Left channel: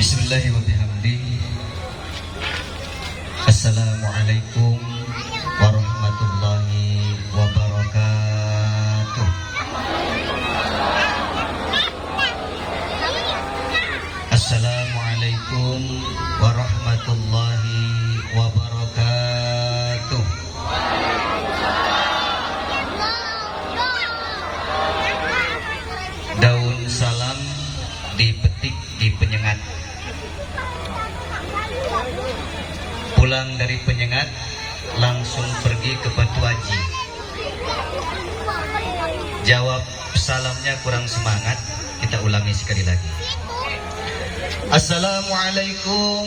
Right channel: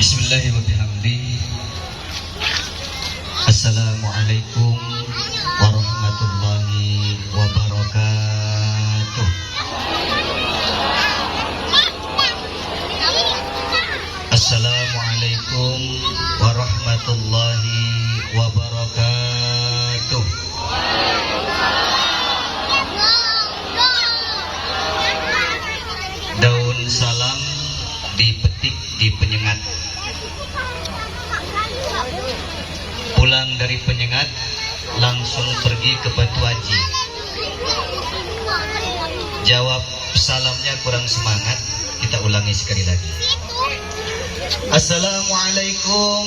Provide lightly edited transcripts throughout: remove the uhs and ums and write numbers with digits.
Bismillahirrahmanirrahim. Assalamualaikum warahmatullahi wabarakatuh. Assalamualaikum warahmatullahi wabarakatuh. Daun salam dipetik di penyengat. Pulang dari penyengat langsung pergi ke Batu Haji. Jawab salamnya kurang semangat, kita ulangi sekali lagi. Assalamualaikum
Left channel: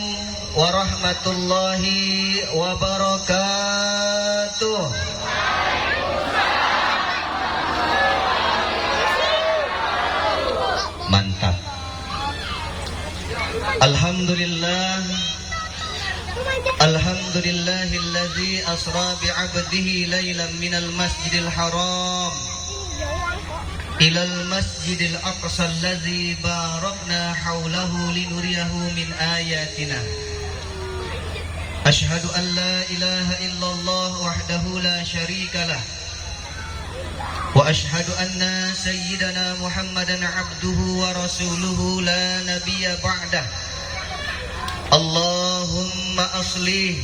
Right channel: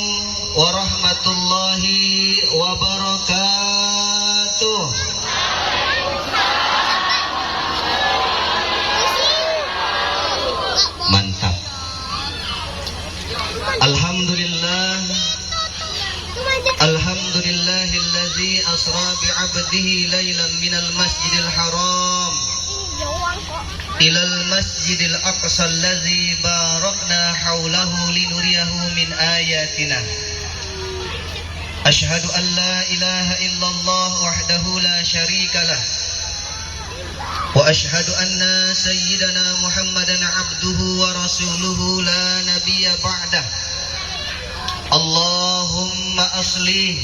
warahmatullahi wabarakatuh. Mantap. Alhamdulillah. Alhamdulillahilladzi asra bi'abdihi laylan minal masjidil haram ilal masjidil aqsa alladzi barakna haulahu linuriyahu min ayatina. Ashhadu an la ilaha illallah wahdahu la syarikalah wa ashhadu anna sayyidana Muhammadan abduhu wa rasuluhu la nabiyya ba'dah. Allahumma aslih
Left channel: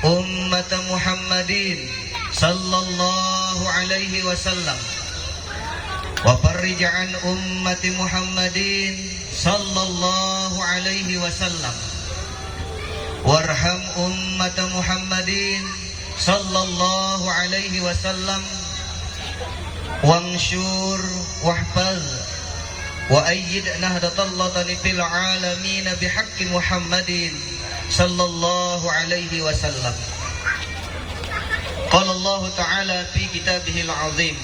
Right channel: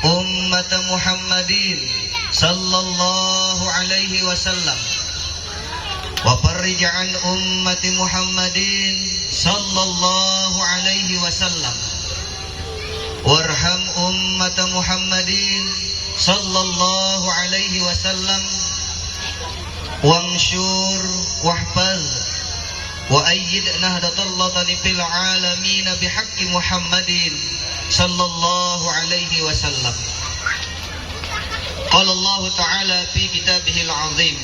ummat Muhammadin sallallahu alaihi wasallam wa farrij an ummati Muhammadin sallallahu alaihi wasallam warham ummat Muhammadin sallallahu alaihi wasallam wangshur wahfaz wa ayyid nahdatallah fil alamin bihaqqi Muhammadin sallallahu alaihi wasallam. Qala Allah ta'ala fi kitabihil azim.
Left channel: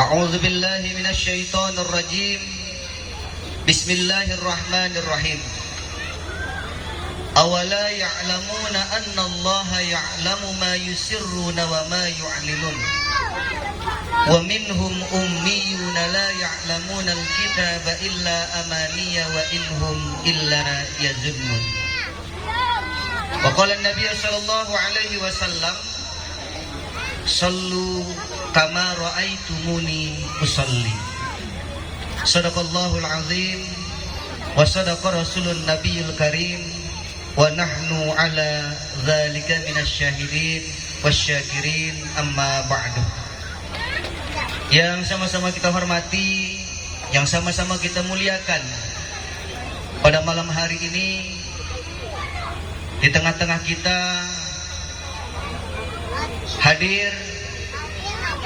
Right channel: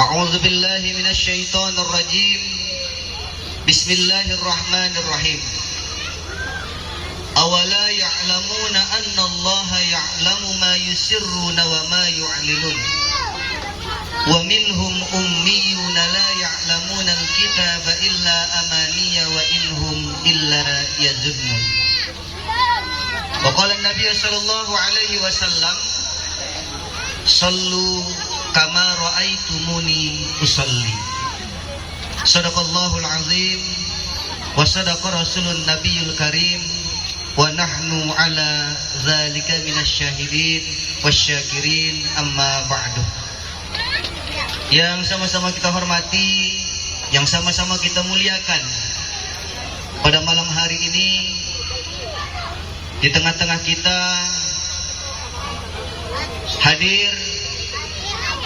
A'udzu billahi minasy syaithanir rajim. Bismillahirrahmanirrahim. Awala ya'lamuna anna Allah ya'lamu ma yusirruna wa ma yu'linun. Wa minhum ummiyuna la ya'lamuna al-kitaba illa amaniya wa inhum illa yazunnun. Wa qala an-nabiy sallallahu alaihi wasallam sallu kama ra'aitumuni usalli. Sadaqallahul azim wa sadaqa rasulun nabiyul karim wa nahnu ala dzalika minasyahidin wasyakirin amma ba'du. Yang sama-sama kita hormati, yang sama-sama kita muliakan, pada malam hari ini di tengah-tengah kita hadir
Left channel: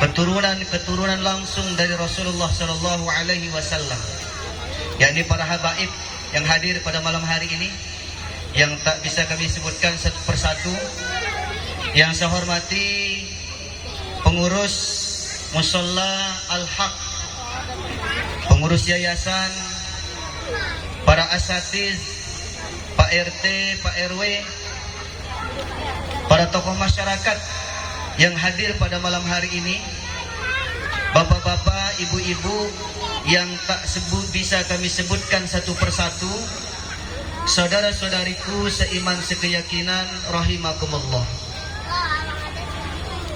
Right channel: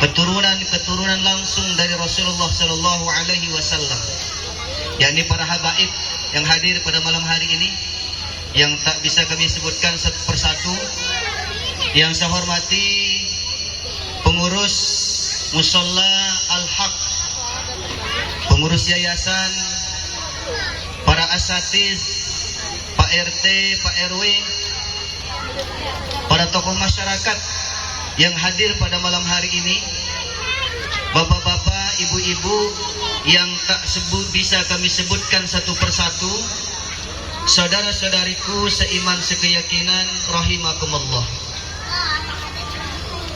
keturunan langsung dari Rasulullah Sallallahu Alaihi Wasallam, yakni para habaib yang hadir pada malam hari ini, yang tak bisa kami sebutkan satu persatu. Yang saya hormati pengurus Musalla Al-Haq, pengurus yayasan, para asatiz, Pak RT, Pak RW, para tokoh masyarakat yang hadir pada malam hari ini, bapak-bapak, ibu-ibu yang tak bisa kami sebutkan satu persatu, saudara-saudariku seiman sekeyakinan, rahimakumullah.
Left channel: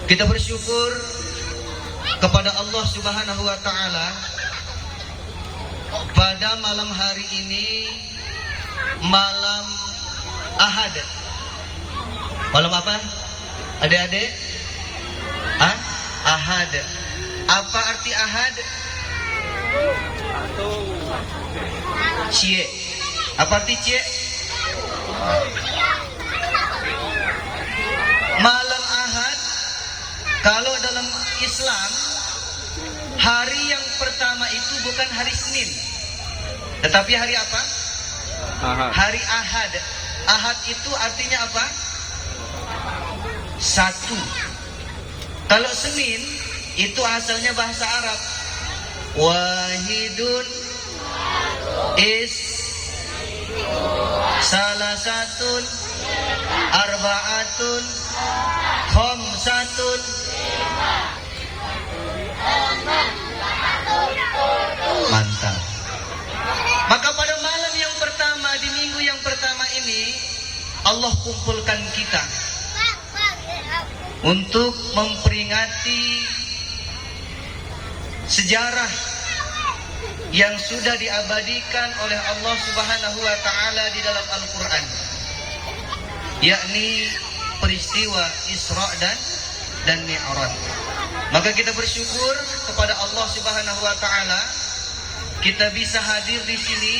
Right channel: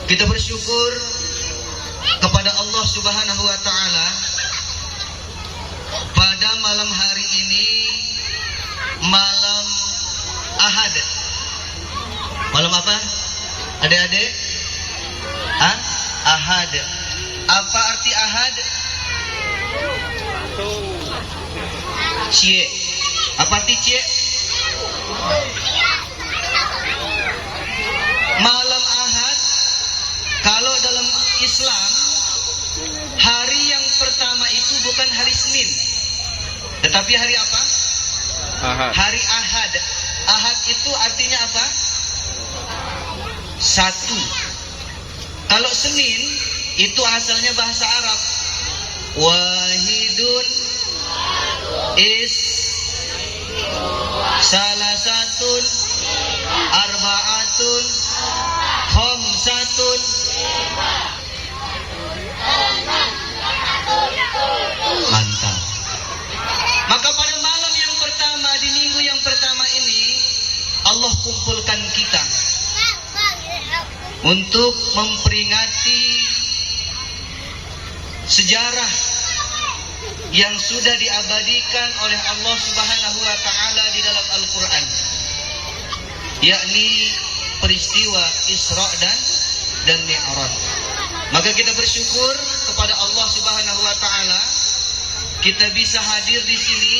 Kita bersyukur kepada Allah Subhanahu wa ta'ala pada malam hari ini, malam Ahad. Malam apa? Adik-adik? Ahad. Apa arti Ahad? Cie. Apa arti cie? Malam Ahad, kalau dalam Islam, hari yang pertama itu bukan hari Senin, tetapi hari apa? Ahad. Hari Ahad. Ahad itu artinya apa? Satu. Kalau Senin itu asalnya bahasa Arab. Wahidun is salasatun arba'atun khamsatun. Mantap. Maka pada malam yang pertama Allah kumpulkan kita untuk memperingati sejarah yang sudah diabadikan oleh Allah Subhanahu wa taala di dalam Al-Qur'an, yakni peristiwa Isra dan Mi'raj. Maka kita bersyukur kepada Allah Subhanahu wa taala kita bisa hadir di sini,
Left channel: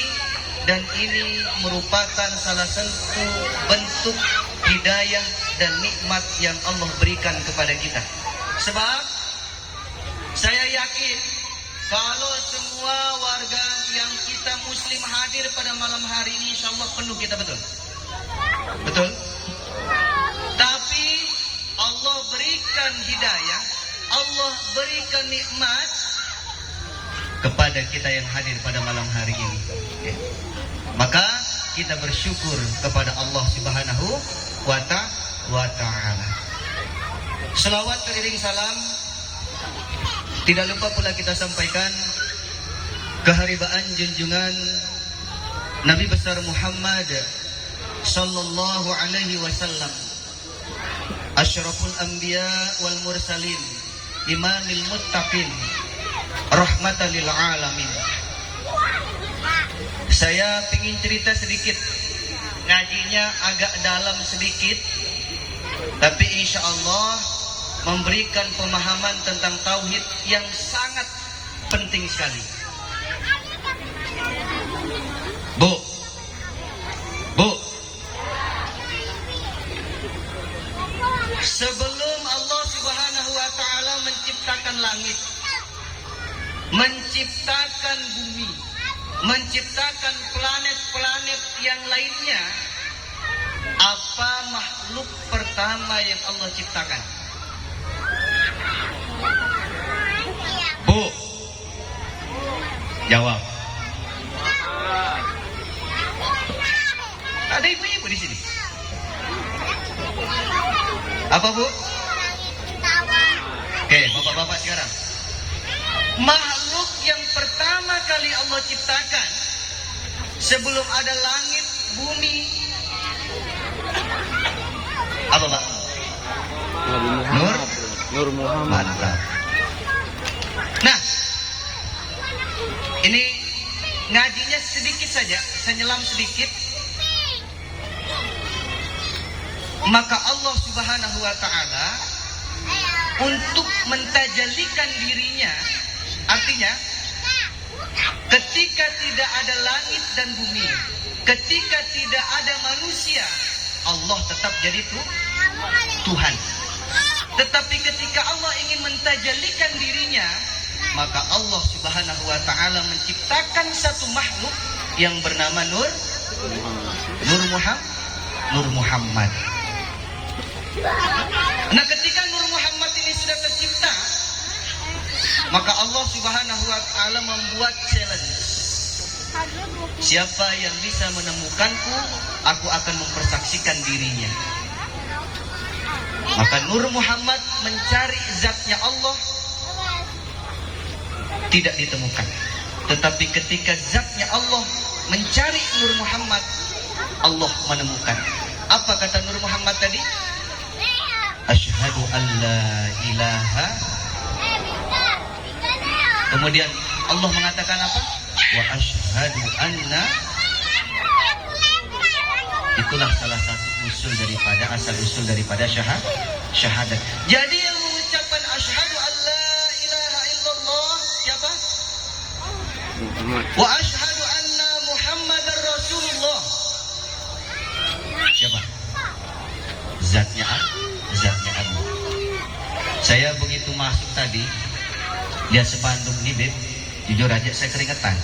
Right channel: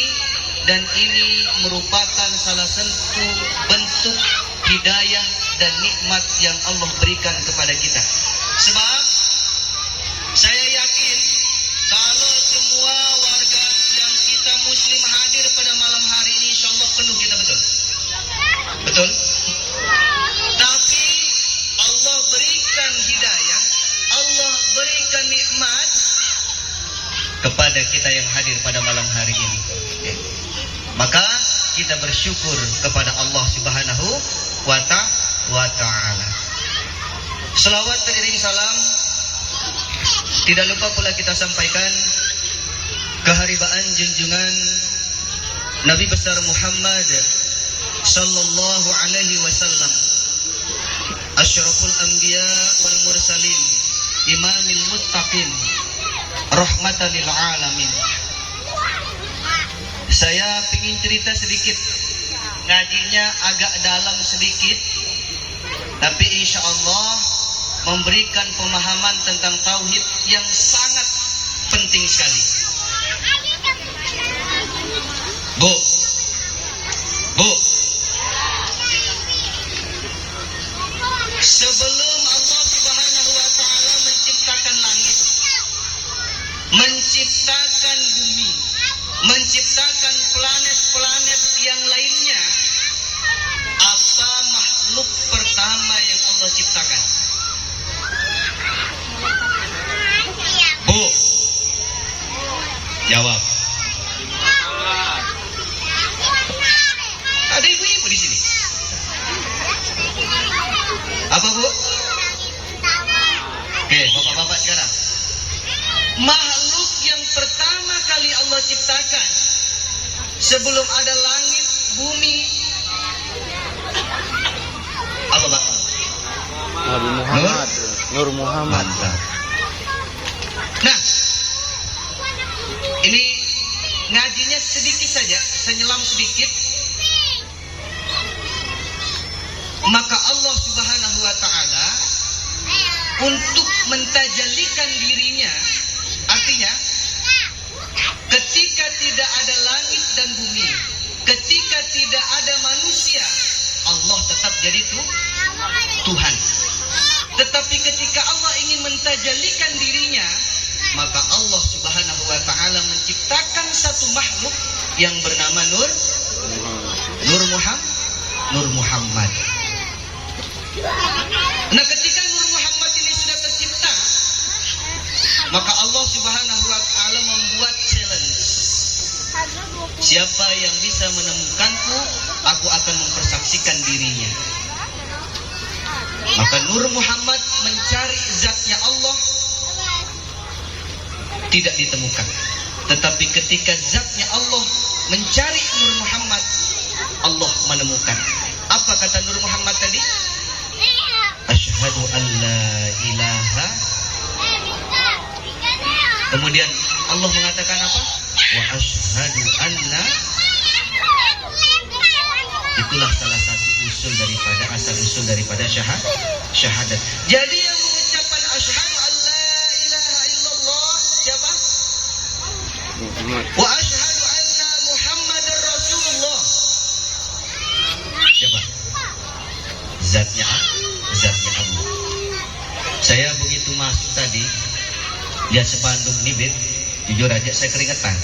dan ini merupakan salah satu bentuk hidayah dan nikmat yang Allah berikan kepada kita. Sebab saya yakin kalau semua warga yang kita muslim hadir pada malam hari ini, insyaallah penuh kita, betul? Betul? Tapi Allah berikan hidayah, Allah berikan nikmat kepada kita yang hadir pada malam hari ini. Maka kita bersyukur kepada Allah Subhanahu wa ta'ala. Selawat teriring salam tidak lupa pula kita sampaikan keharibaan junjungan Nabi besar Muhammad sallallahu alaihi wasallam, asyraful anbiya wal mursalin, imamil muttaqin, rahmatan lil alamin. Saya ingin cerita sedikit, ngajinya agak dalam sedikit, tapi insya Allah memberikan pemahaman tentang tauhid yang sangat penting sekali. Bu, sebelum Allah Subhanahu wa taala menciptakan langit, menciptakan bumi, menciptakan planet-planet yang lainnya, apa makhluk pertama yang Allah ciptakan? Bu, jawab. Ada ibu-ibu di sini. Apa, Bu? Oke, bapak-bapak sekarang. Makhluk yang pertama kali Allah ciptakan sebelum ada langit, bumi, apa, Pak? Nabi Muhammad. Nur Muhammad. Nah, ini ngajinya sedikit saja, saya nyelam sedikit. Maka Allah Subhanahu wa taala untuk mentajalikan dirinya, artinya ketika tidak ada langit dan bumi, ketika tidak ada manusia, Allah tetap jadi Tuhan. Tetapi ketika Allah ingin mentajalikan dirinya, maka Allah Subhanahu wa taala menciptakan satu makhluk yang bernama Nur Muhammad. Nah, ketika Nur Muhammad ini sudah tercipta, maka Allah Subhanahu wa taala membuat challenge. Siapa yang bisa menemukanku, aku akan mempersaksikan dirinya. Maka Nur Muhammad mencari zatnya Allah, tidak ditemukan. Tetapi ketika zatnya Allah mencari Nur Muhammad, Allah menemukan. Apa kata Nur Muhammad tadi? Asyhadu an la ilaha. Kemudian Allah mengatakan apa? Wa asyhadu anna. Itulah salah satu asal usul daripada syahadat. Jadi yang mengucapkan asyhadu an la ilaha illallah siapa? Muhammad. Wa asyhadu anna Muhammadar Rasulullah. Siapa? Zatnya Allah. Saya begitu masuk tadi, lihat sepanduk nih, jujur aja saya keringetan.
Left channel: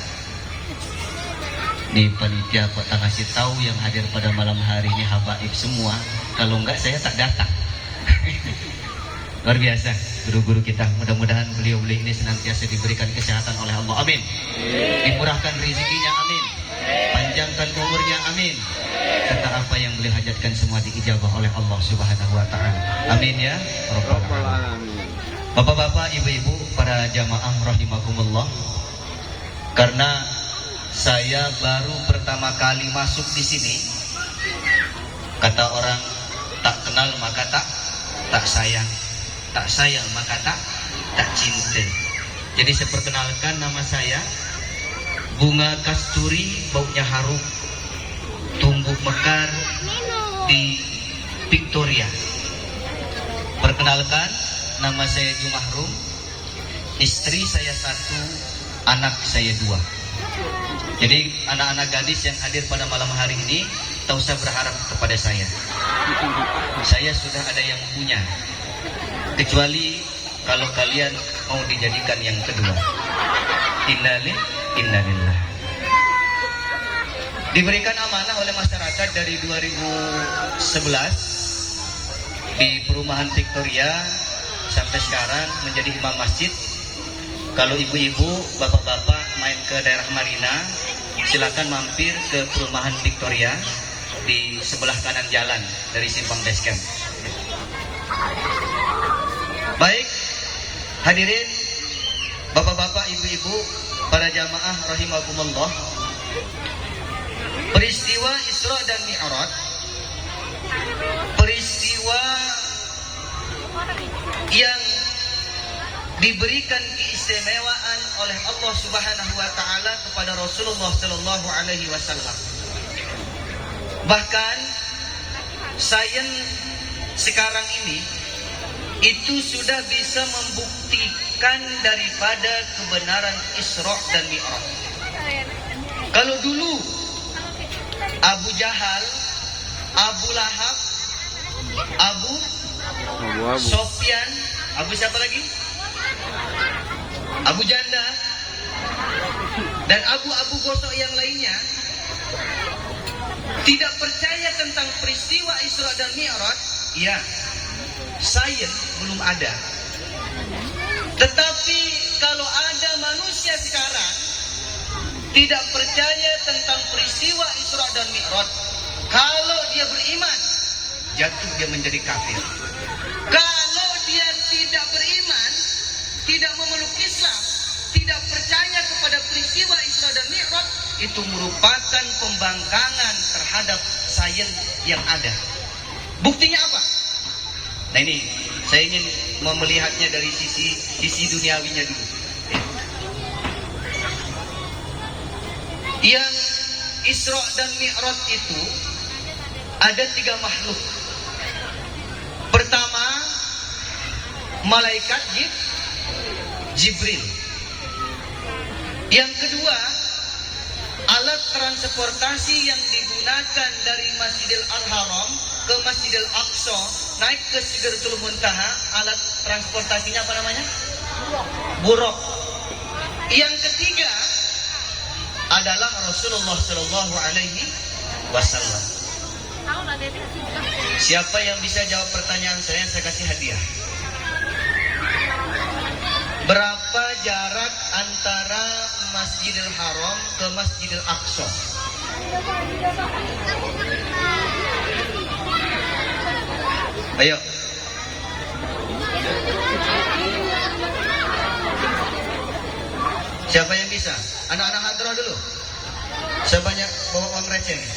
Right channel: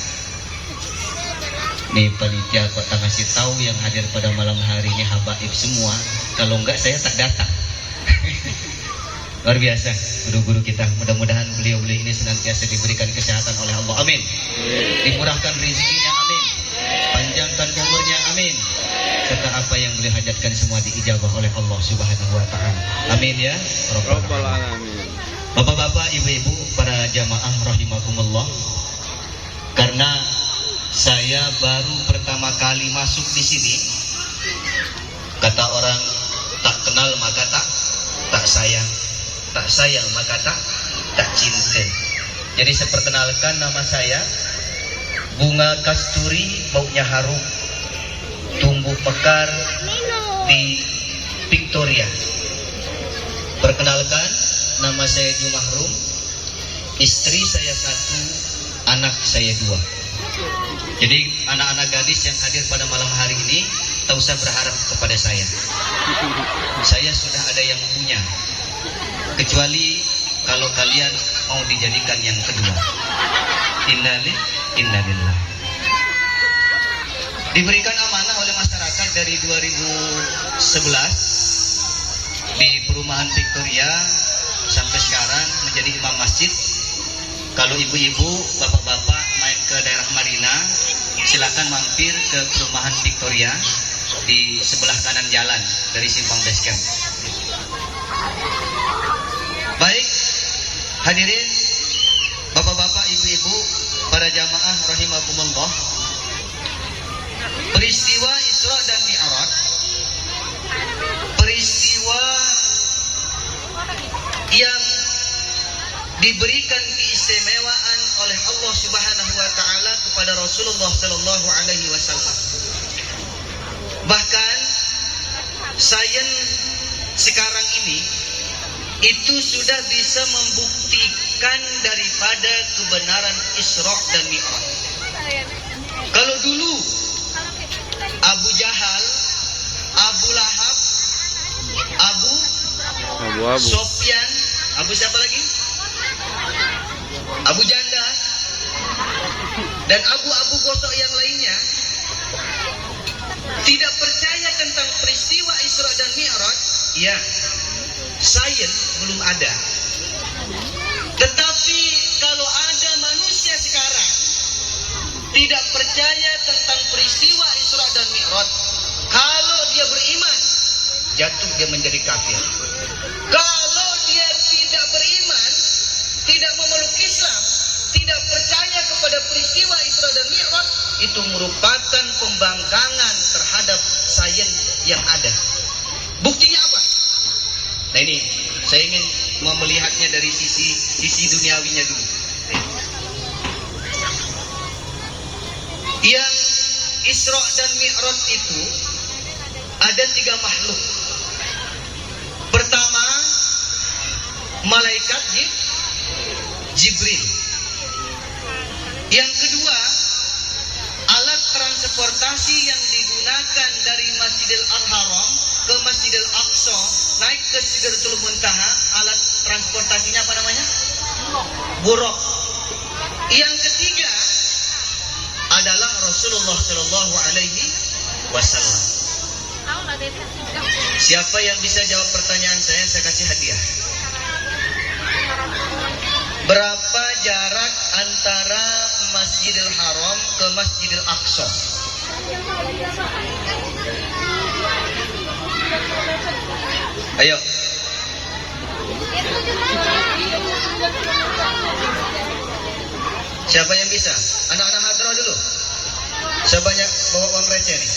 Nih panitia kota ngasih tahu yang hadir pada malam hari ini habaib semua. Kalau enggak saya tak datang. Luar biasa guru-guru kita. Mudah-mudahan beliau-beliau ini senantiasa diberikan kesehatan oleh Allah. Amin. Dimurahkan rezekinya. Amin. Panjangkan umurnya. Amin. Serta apa yang beliau hajatkan semua diijabah oleh Allah Subhanahu wa taala. Amin ya rabbal alamin. Bapak-bapak, ibu-ibu, para jamaah rahimakumullah. Karena saya baru pertama kali masuk di sini, kata Kata orang, tak kenal maka tak sayang maka tak cinta. Jadi saya perkenalkan, nama saya Bunga Kasturi, baunya harum, tumbuh mekar di Victoria. Perkenalkan, nama saya Jumahrum, istri saya 1, anak saya 2. Jadi anak-anak gadis yang hadir pada malam hari ini tak usah berharap kepada saya. Saya sudah ada yang punya, kecuali kalau kalian mau dijadikan yang kedua. Innalillah. Diberikan amanah oleh masyarakat dari 2011 di perumahan Victoria sampai sekarang menjadi imam masjid. Kalau ibu-ibu, bapak-bapak main ke daerah Marina, silakan mampir ke perumahan Victoria di sebelah kanan jalan dari simpang Basecamp. Baik, hadirin bapak-bapak, ibu-ibu, para jamaah rahimakumullah. Peristiwa Isra dan Mi'raj, peristiwa yang diberikan keistimewaan oleh Allah Subhanahu wa taala kepada Rasulullah sallallahu alaihi wasallam. Bahkan sains sekarang ini itu sudah bisa membuktikan daripada kebenaran Isra dan Mi'raj. Kalau dulu Abu Jahal, Abu Lahab, Abu Sofyan, Abu siapa lagi? Abu Janda dan Abu Gosok yang lainnya tidak percaya tentang peristiwa Isra dan Mi'raj. Ya, sains belum ada. Tetapi kalau ada manusia sekarang tidak percaya tentang peristiwa Isra dan Mi'raj, kalau dia beriman, jatuh dia menjadi kafir. Kalau dia tidak beriman, tidak memeluk Islam, tidak percaya kepada peristiwa Isra dan Mi'raj, itu merupakan pembangkangan terhadap sains yang ada. Buktinya apa? Nah ini, saya ingin melihatnya dari sisi duniawinya dulu. Yang Isra dan Mi'raj itu ada 3 makhluk. Pertama, malaikat Jibril. Yang kedua, alat transportasi yang digunakan dari Masjidil Haram ke Masjidil Aqsa, naik ke Sidratul Muntaha, alat transportasinya apa namanya? Buraq. Yang ketiga adalah Rasulullah Shallallahu Alaihi Wasallam. Siapa yang bisa jawab pertanyaan saya kasih hadiah. Berapa jarak antara Masjidil Haram ke Masjidil Aqsa? Ayo. Siapa yang bisa? Anak-anak hadroh dulu. Sebanyak bawa uang receh nih.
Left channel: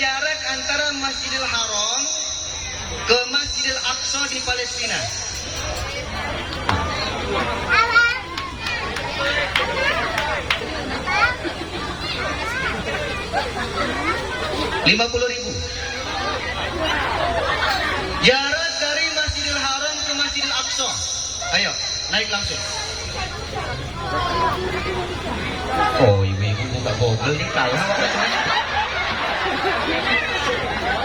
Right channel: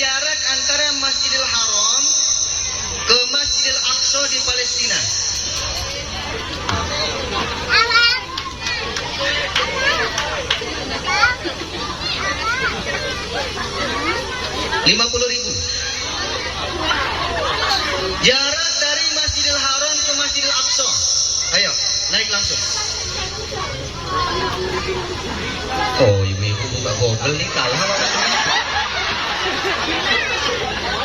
Jarak antara Masjidil Haram ke Masjidil Aqsa di Palestina. $50.000. Jarak dari Masjidil Haram ke Masjidil Aqsa. Ayo, naik langsung. Oh, ibu-ibu buka Google nih, kalah.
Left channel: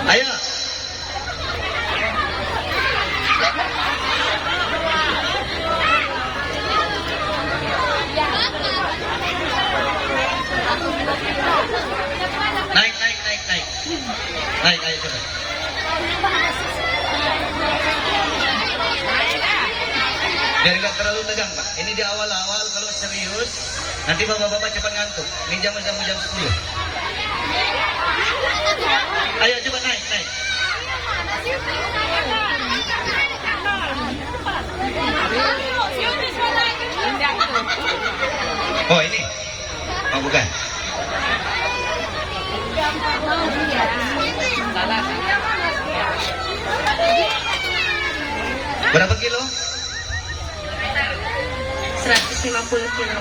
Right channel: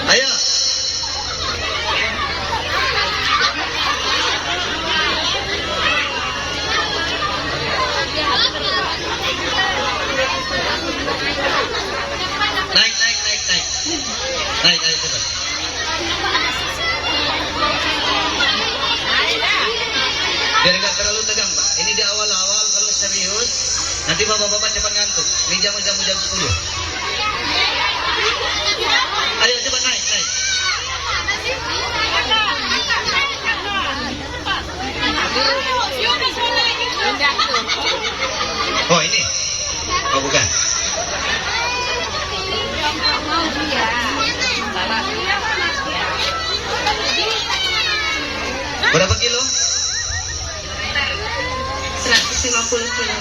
Ayo. Naik, ayo cepat. Biar nggak terlalu tegang, Pak. Ini di awal-awal, kalau serius, nanti bapak-bapak cepat ngantuk. Ini jam 10. Ayo cepat naik. Berapa kilo? 150 kilo.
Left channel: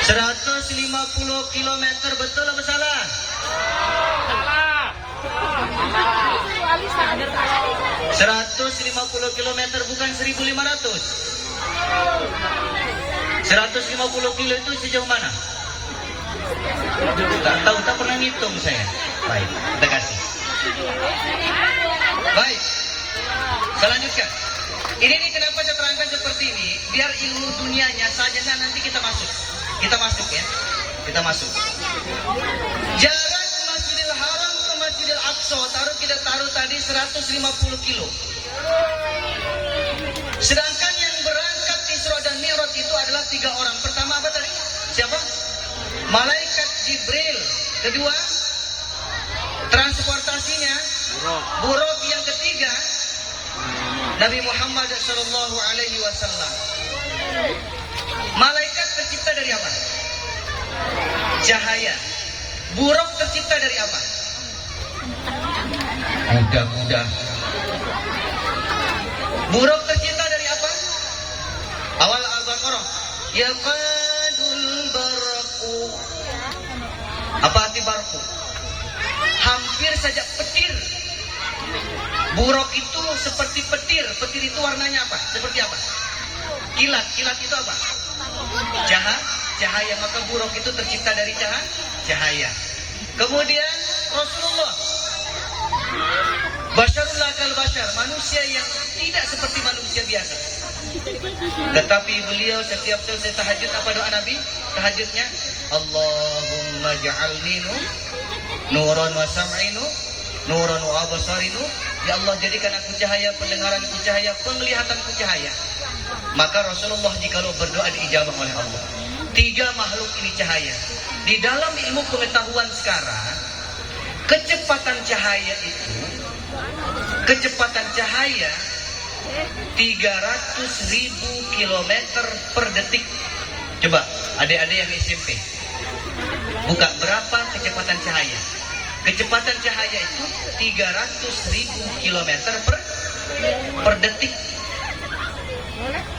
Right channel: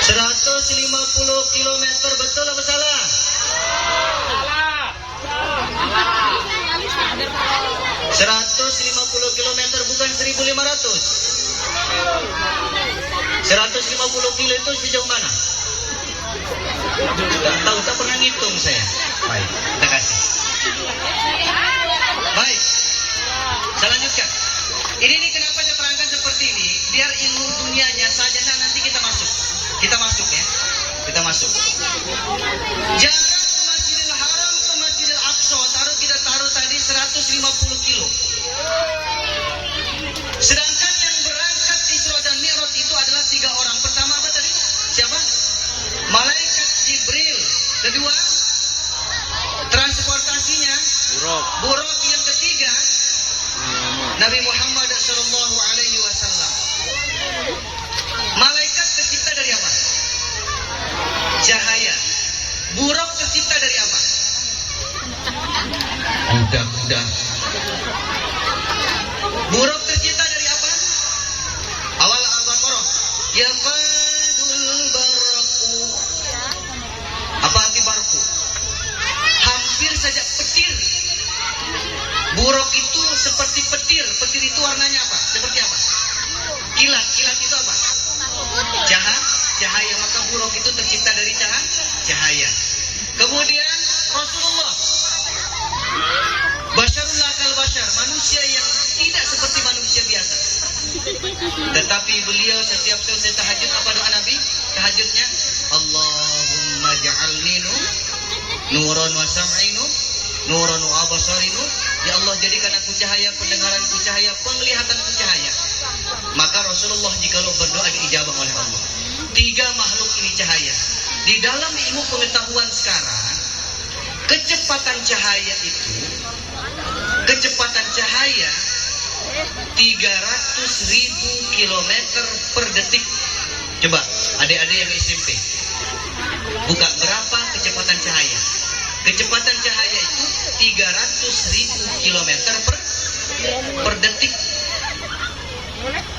150 kilometer, betul apa salah? 150 kilometer bukan 1.500. 150 kilo itu sejauh mana? Tak tahu, tak pernah ngitung saya. Baik, terima kasih. Baik, saya lanjutkan. Ini nih kenapa saya terangkan seperti ini, biar ilmu dunianya saja nanti kita masuk. Kita masuk ya. Kita masuk. Jarak Masjidil Haram ke Masjidil Aqsa kita taruh tadi 150 kilo. Sedangkan yang berangkat Isra dan Mi'raj itu adalah 3 orang. Pertama apa tadi? Siapa? Malaikat Jibril. Kedua, transportasinya buruk. Yang ketiga, Nabi Muhammad sallallahu alaihi wasallam. Malaikat tercipta dari apa? Cahaya. Buruk tercipta dari apa? Kuda-kuda. Buruk tercipta dari apa? Awal Al-Baqarah. Yaqadul barqu. Apa arti barqu? Hampir saja petir. Buruk itu seperti petir. Petir itu warnanya apa? Seperti apa? Kilat. Kilat itu apa? Cahaya. Maka buruk itu tercipta dari cahaya. Kemudian Rasulullah, basyarul lakal basyar, manusia yang tidak seperti manusia biasa. Tetapi beliau setiap selesai tahajud, apa doa Nabi? Tahajudnya, Allahumma ja'alni nuran wa sam'inu nuran wa absarinu. Ya Allah, jadikan aku cahaya, pendengaranku cahaya, penglihatanku cahaya. Maka Rasulullah jikalau berdoa diijabah oleh Allah. 3 makhluk ini cahaya. Di dalam ilmu pengetahuan sekarang, kecepatan cahaya 300.000 kilometer per detik. Coba adik-adik yang SMP buka berapa kecepatan cahaya. Kecepatan cahaya itu 300.000 kilometer per detik.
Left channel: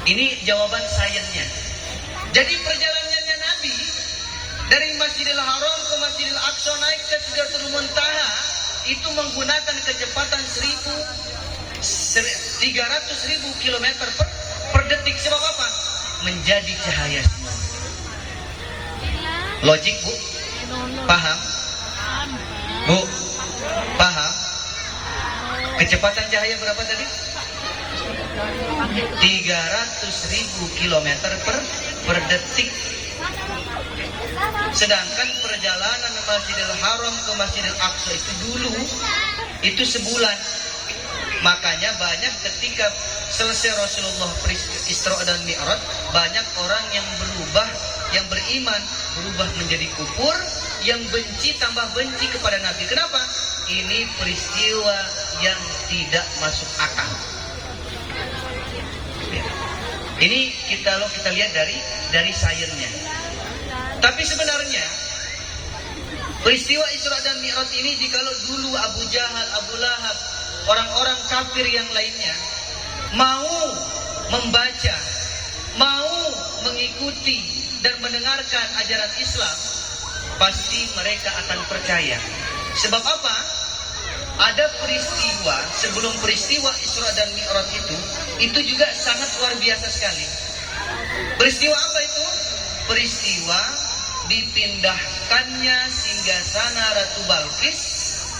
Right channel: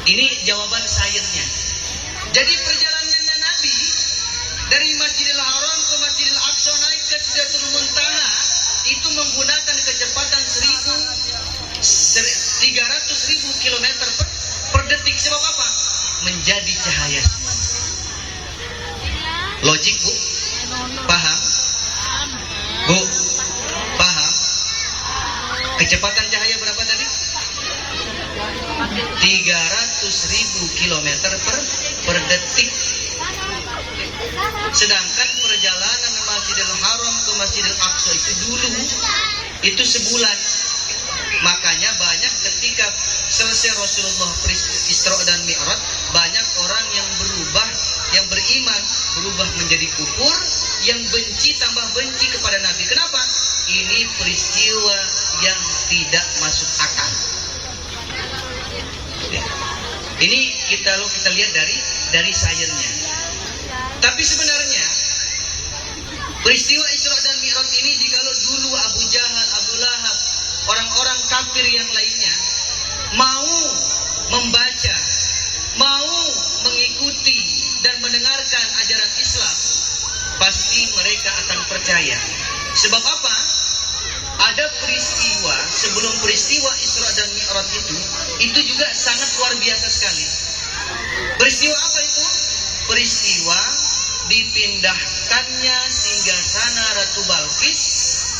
Ini jawaban sainsnya. Jadi perjalanannya Nabi dari Masjidil Haram ke Masjidil Aqsa naik ke Sidratul Muntaha itu menggunakan kecepatan 300.000 kilometer per detik. Sebab apa? Menjadi cahaya semua. Logik, Bu? Paham? Bu? Paham? Kecepatan cahaya berapa tadi? 300.000 kilometer per detik. Sedangkan perjalanan Masjidil Haram ke Masjidil Aqsa itu dulu itu sebulan. Makanya banyak ketika selesai Rasulullah Isra dan Mi'raj, banyak orang yang berubah, yang beriman berubah menjadi kufur, yang benci tambah benci kepada Nabi. Kenapa? Ini peristiwa yang tidak masuk akal. Ini kita lihat dari sainsnya. Tapi sebenarnya peristiwa Isra dan Mi'raj ini, jikalau dulu Abu Jahal, Abu Lahab, orang-orang kafir yang lainnya mau membaca, mau mengikuti dan mendengarkan ajaran Islam, pasti mereka akan percaya. Sebab apa? Ada peristiwa sebelum peristiwa Isra dan Mi'raj itu juga sangat luar biasa sekali. Peristiwa apa itu? Peristiwa dipindahkannya singgasana Ratu Balqis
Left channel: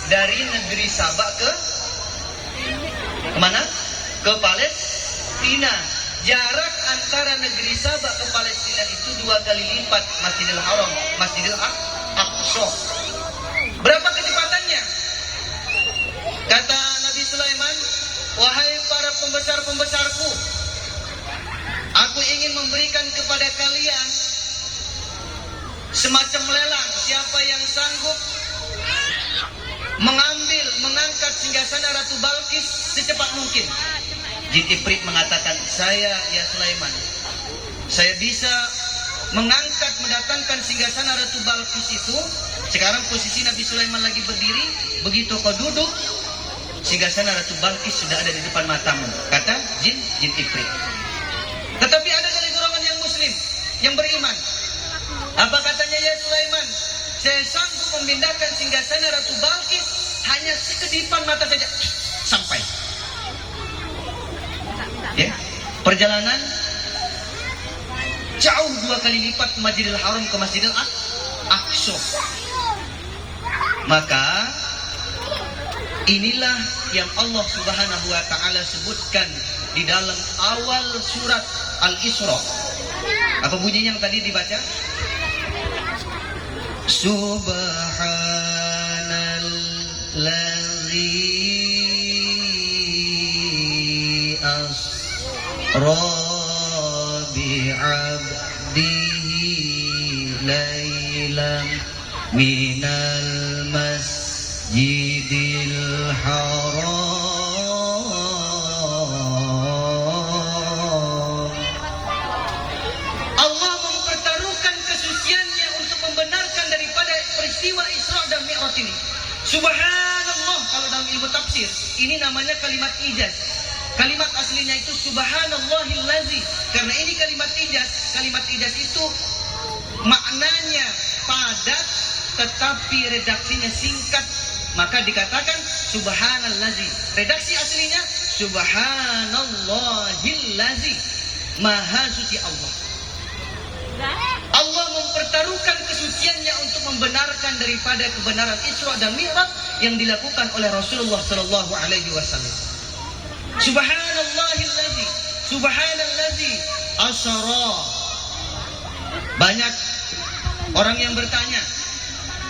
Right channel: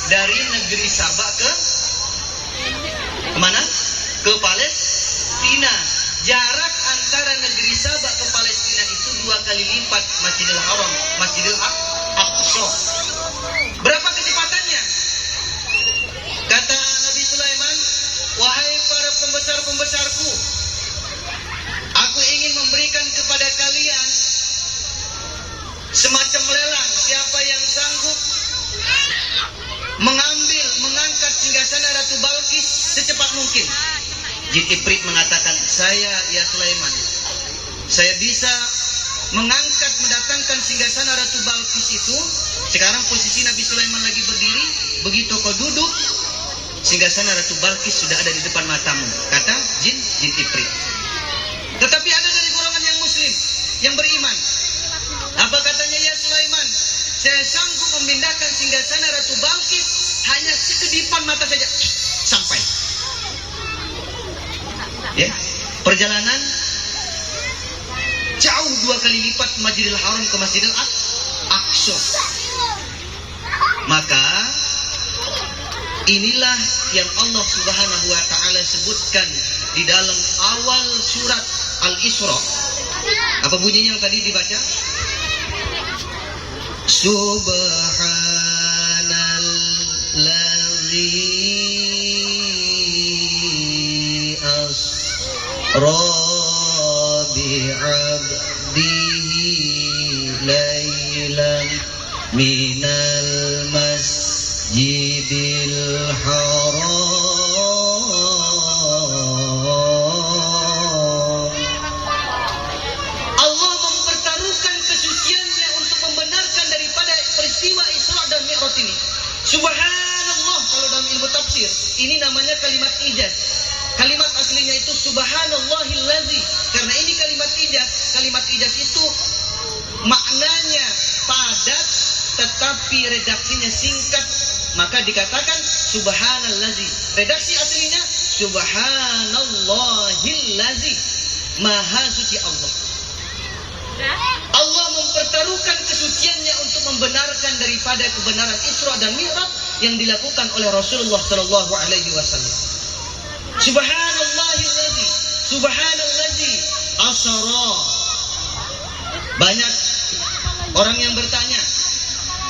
dari negeri Sabak ke mana? Ke Palestina. Jarak antara negeri Sabak ke Palestina itu 2 kali lipat Masjidil Haram, Masjidil Aqsa. Berapa kecepatannya? Kata Nabi Sulaiman, wahai para pembesar-pembesarku, aku ingin memberikan kepada kalian semacam lelang. Siapa yang sanggup mengangkat singgasana Ratu Balqis secepat mungkin. Jin Ifrit mengatakan, saya ya Sulaiman, saya bisa mendatangkan singgasana Ratu Balqis itu. Sekarang posisi Nabi Sulaiman lagi berdiri, begitu kau duduk, singgasana Ratu Balkis sudah ada di depan matamu, kata jin Ifrit. Tetapi ada dari golongan yang muslim, yang beriman. Apa katanya? Ya Sulaiman, saya sanggup memindahkan singgasana Ratu Balkis hanya sekedipan mata saja, sampai. Ya, perjalanan jauh 2 kali lipat Masjidil Haram ke Masjidil Aqsa. Maka inilah yang Allah Subhanahu wa taala sebutkan di dalam awal surat Al-Isra. Apa bunyinya yang tadi dibaca? Subhanallazi asra bi'abdihi laylan minal masjidil haram. Allah mempertaruhkan kesuciannya untuk membenarkan daripada peristiwa Isra dan Mi'raj ini. Subhanallah, kalau dalam ilmu tafsir ini namanya kalimat ijaz. Kalimat aslinya itu subhanallahillazi. Karena ini kalimat ijaz. Kalimat ijaz itu maknanya padat tetapi redaksinya singkat, maka dikatakan subhanallazi. Redaksi aslinya subhanallahillazi, maha suci Allah. Allah mempertaruhkan kesuciannya untuk membenarkan daripada kebenaran Isra dan Mi'raj yang dilakukan oleh Rasulullah sallallahu alaihi wasallam. Subhanallahillazi, subhanallazi asra. Banyak orang yang bertanya,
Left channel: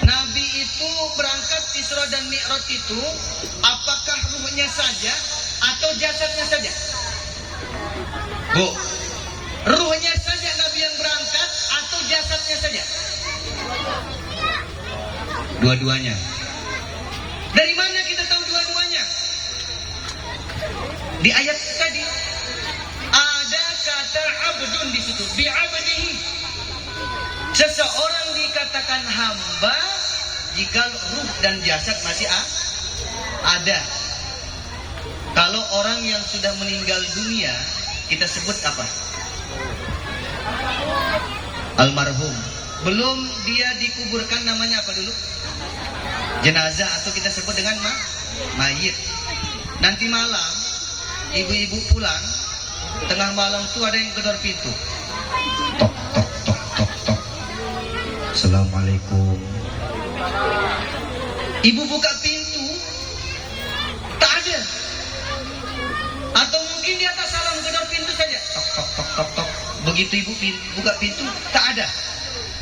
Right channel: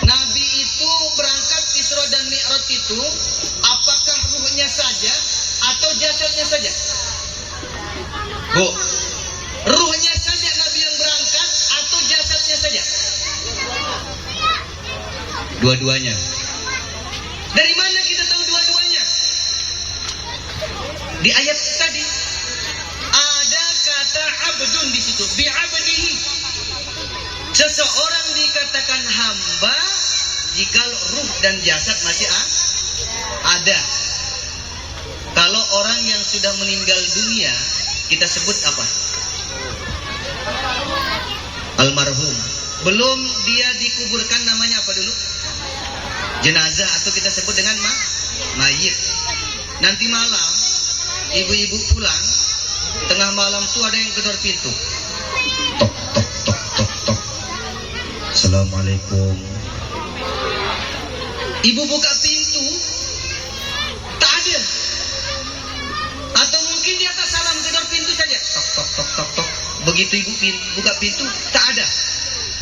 Nabi itu berangkat Isra dan Mi'raj itu apakah ruhnya saja atau jasadnya saja? Bu, ruhnya saja Nabi yang berangkat atau jasadnya saja? Dua-duanya. Dari mana kita tahu dua-duanya? Di ayat tadi ada kata abdun di situ, bi'abdihi. Seseorang dikatakan hamba jika ruh dan jasad masih ada. Kalau orang yang sudah meninggal dunia, kita sebut apa? Almarhum. Belum dia dikuburkan, namanya apa dulu? Jenazah, atau kita sebut dengan mayit. Nanti malam ibu-ibu pulang, tengah malam itu ada yang gedor pintu. Tok tok tok tok tok. Assalamualaikum. Ibu buka pintu, tak ada. Atau mungkin di atas salam gedor pintu saja. Tok tok tok tok tok. Begitu ibu buka pintu, tak ada.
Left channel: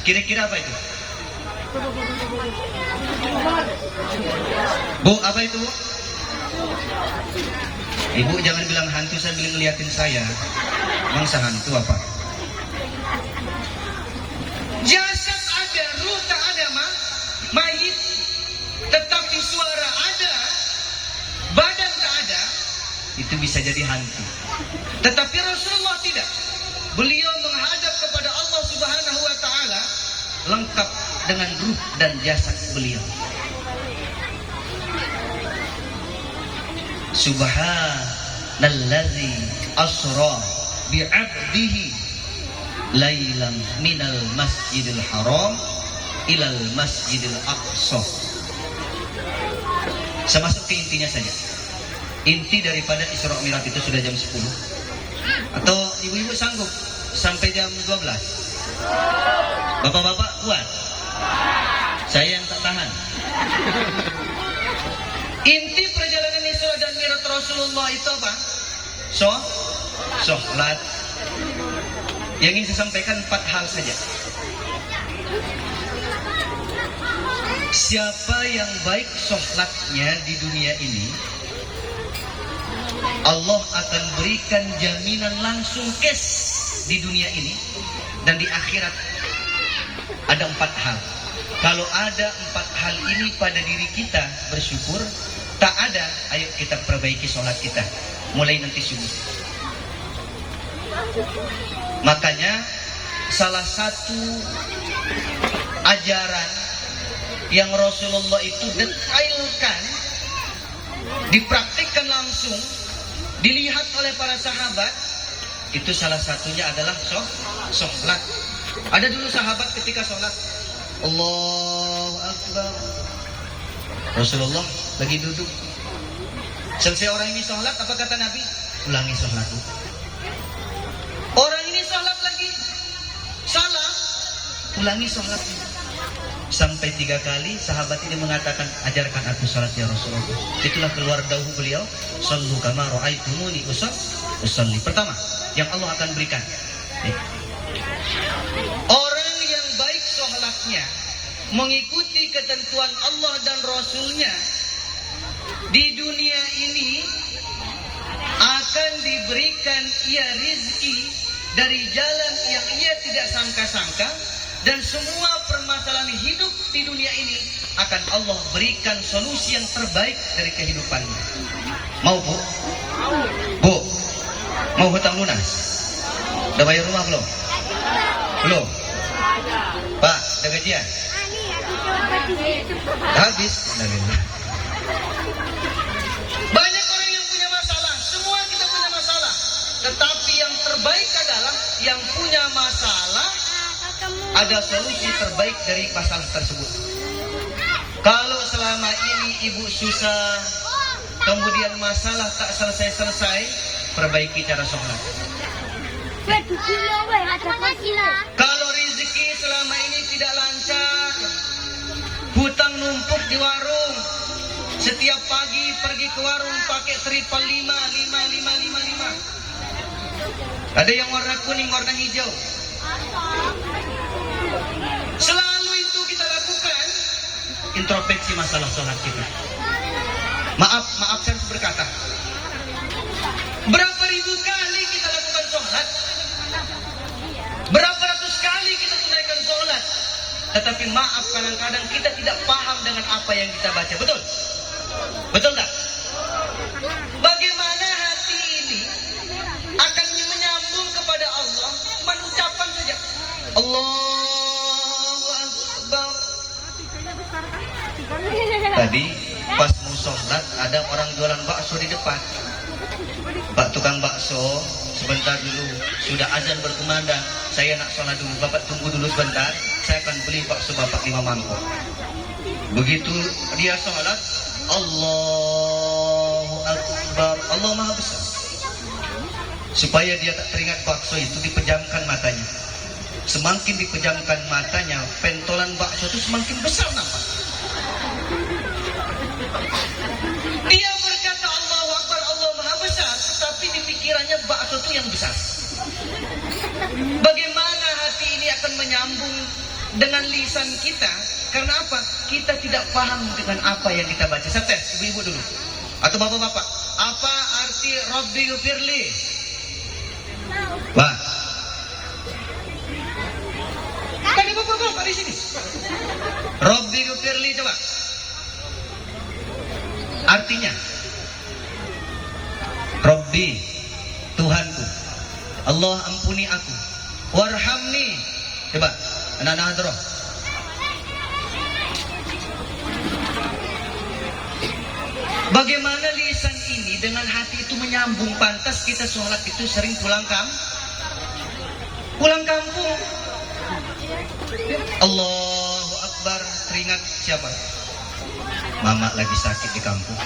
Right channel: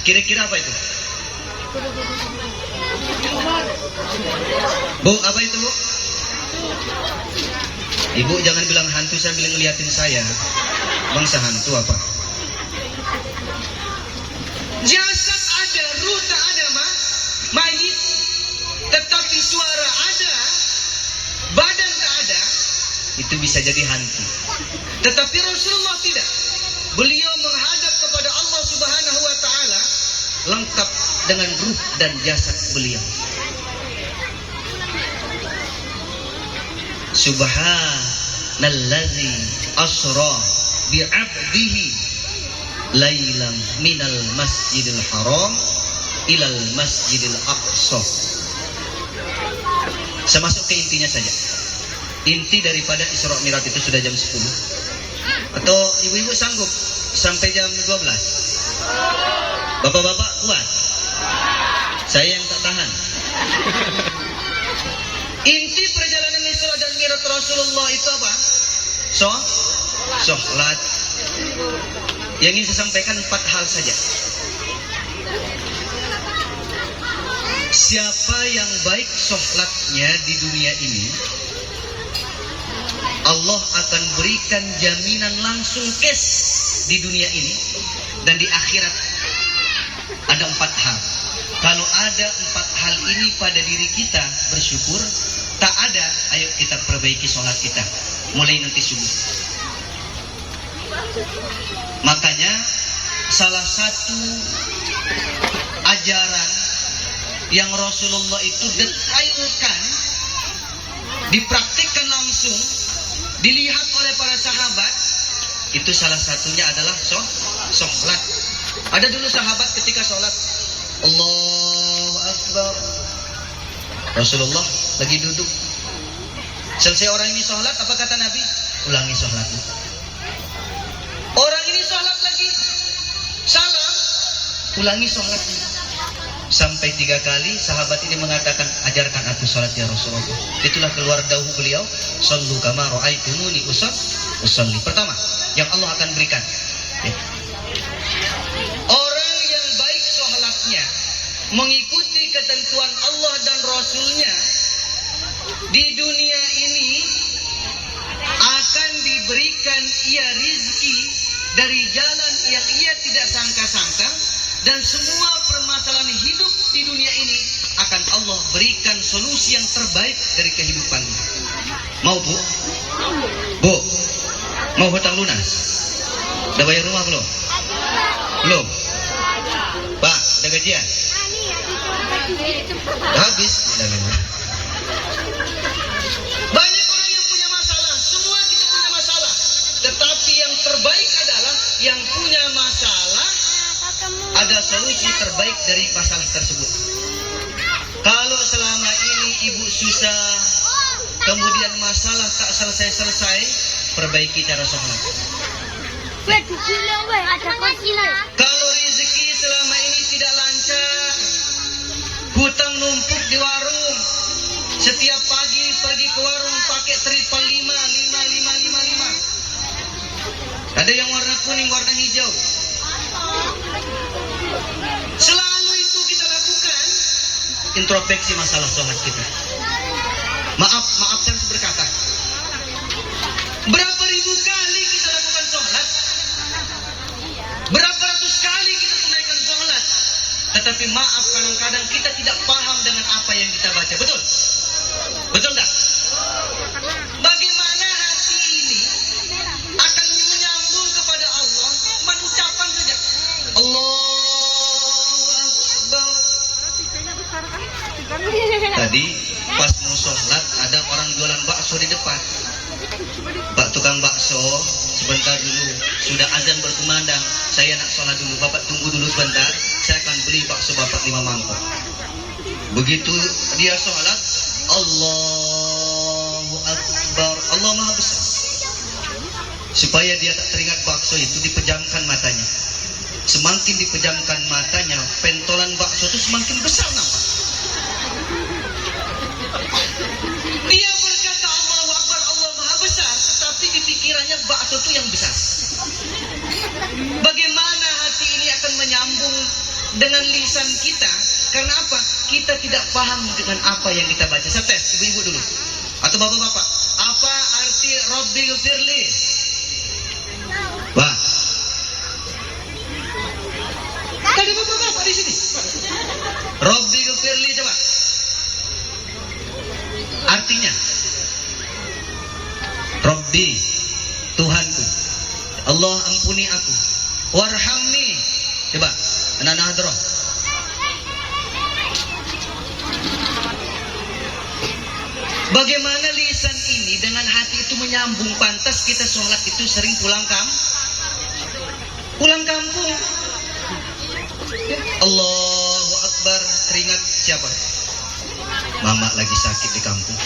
Kira-kira apa itu? Bu, apa itu, Bu? Ibu jangan bilang hantu, saya bilang ngeliatin saya. Bangsa hantu apa? Jasad ada, ruh tak ada, mayit. Tetapi suara ada, badan tak ada. Itu bisa jadi hantu. Tetapi Rasulullah tidak. Beliau menghadap kepada Allah Subhanahu wa taala lengkap dengan ruh dan jasad beliau. Subhanallazi asra bi'abdihi lailan minal masjidil haram ilal masjidil aqsa. Saya masuk ke intinya saja. Inti daripada Isra Mi'raj itu sudah jam 10. Atau ibu-ibu sanggup sampai jam 12? Bapak-bapak kuat? Saya yang tak tahan. Inti perjalanan Isra dan Mi'raj Rasulullah itu apa? Sholat. Yang ingin saya sampaikan 4 hal saja. Siapa yang baik sholatnya di dunia ini, Allah akan berikan jaminan langsung cash di dunia ini dan di akhirat. Ada 4 hal. Kalau ada 4 hal ini pada diri kita, bersyukur. Tak ada, ayo kita perbaiki sholat kita mulai nanti subuh. Makanya salah satu ajaran yang Rasulullah itu detailkan dipraktikkan langsung, dilihat oleh para sahabat, itu salah satunya adalah sholat. Ada dulu sahabat ketika sholat, Allahu Akbar, Rasulullah lagi duduk. Selesai orang ini sholat, apa kata Nabi? Ulangi sholatmu. Orang ini sholat lagi, salam, ulangi sholatnya. Sampai 3 kali sahabat ini mengatakan, ajarkan aku sholat ya Rasulullah. Itulah keluar dauh beliau, sallu kama ra'aitumuni usalli. Pertama yang Allah akan berikan, orang yang baik sholatnya, mengikuti ketentuan Allah dan Rasulnya, di dunia ini akan diberikan ia rizki dari jalan yang ia tidak sangka-sangka, dan semua permasalahan hidup di dunia ini akan Allah berikan solusi yang terbaik dari kehidupannya. Mau bu? Bu, mau hutang lunas? Udah bayar rumah belum? Belum? Pak, udah gajian? Habis? Banyak orang yang punya masalah, semua kita punya masalah. Tetapi yang terbaik adalah yang punya masalah ada solusi terbaik dari masalah tersebut. Kalau selama ini ibu susah, kemudian masalah tak selesai-selesai, perbaiki cara sholat. Kalau rezeki selama ini tidak lancar, hutang numpuk di warung, setiap pagi pergi ke warung pakai tripal 5. Ada yang warna kuning, warna hijau. Selalu itu kita lakukan, introspeksi masalah sholat kita. Maaf saya harus berkata, berapa ribu kali kita lakukan sholat, berapa ratus kali kita tunaikan sholat, tetapi maaf kadang-kadang kita tidak paham dengan apa yang kita baca. Betul? Betul tak? Bagaimana hati ini akan menyambung kepada Allah, mengucapkan saja Allahu Akbar. Tadi pas mau sholat ada orang jualan bakso di depan. Pak tukang bakso, sebentar dulu, sudah azan berkumandang, saya nak sholat dulu, bapak tunggu dulu sebentar, saya akan beli bakso bapak 5 mangkok. Begitu dia sholat, Allahu Akbar, Allah Maha Besar. Supaya dia tak teringat bakso itu, dipejamkan matanya. Semakin dipejamkan matanya, pentolan bakso itu semakin besar nampak. Dia berkata Allahu Akbar, Allah Maha Besar, tetapi di pikirannya bakso itu yang besar. Bagaimana hati ini akan menyambung dengan lisan kita? Karena apa? Kita tidak paham dengan apa yang kita baca. Saya tes, ibu-ibu dulu atau bapak-bapak, apa arti Rabbi Ghfirli? Wah, ada bapak-bapak di sini. Rabbi Ghfirli, coba artinya. Rabbi, Tuhanku, Allah ampuni aku, warhamni, coba anak-anak hadroh. Bagaimana lisan ini dengan hati itu menyambung? Pantas kita sholat itu sering pulang kampung. Allahu Akbar, teringat siapa? Mama lagi sakit di kampung.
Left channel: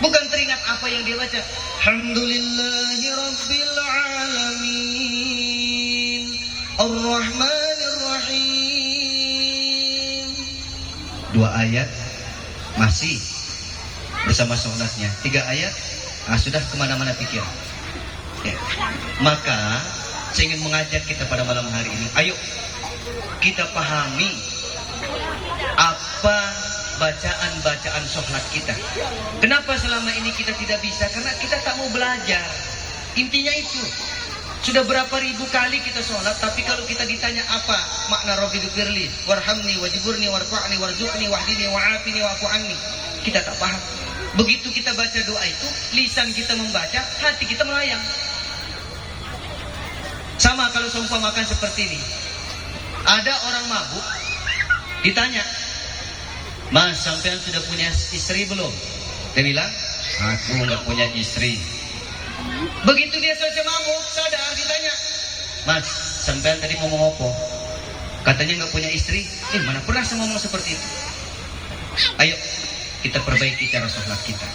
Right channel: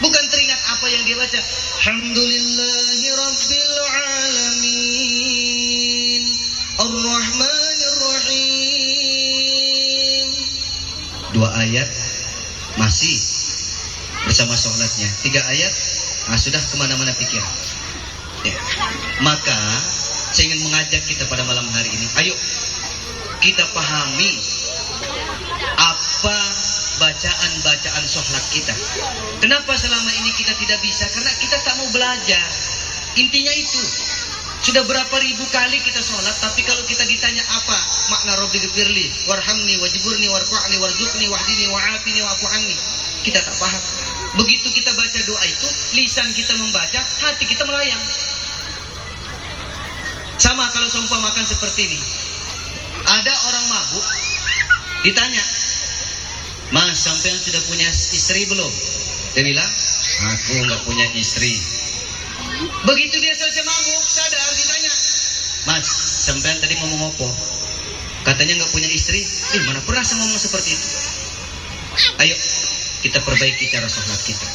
Bukan teringat apa yang dia baca. Alhamdulillahi Rabbil Alamin, Ar-Rahmanir Rahim. 2 ayat masih bersama sholatnya, 3 ayat sudah kemana-mana pikiran. Ya. Maka saya ingin mengajak kita pada malam hari ini, ayo kita pahami apa bacaan-bacaan sholat kita. Kenapa selama ini kita tidak bisa? Karena kita tak mau belajar. Intinya itu. Sudah berapa ribu kali kita sholat, tapi kalau kita ditanya apa makna Rabbi Ghfirli, warhamni, wajiburni, warfa'ni, warzuqni, wahdini, wa'afini, wa'afu anni, kita tak paham. Begitu kita baca doa itu, lisan kita membaca, hati kita melayang. Sama kalau seumpamakan seperti ini. Ada orang mabuk, ditanya, Mas, sampean sudah punya istri belum? Dia bilang, aku nggak punya istri. Begitu dia selesai mabuk, sadar, ditanya, Mas, sampean tadi ngomong apa? Katanya nggak punya istri. Mana pernah saya ngomong seperti itu? Ayo kita perbaiki cara sholat kita.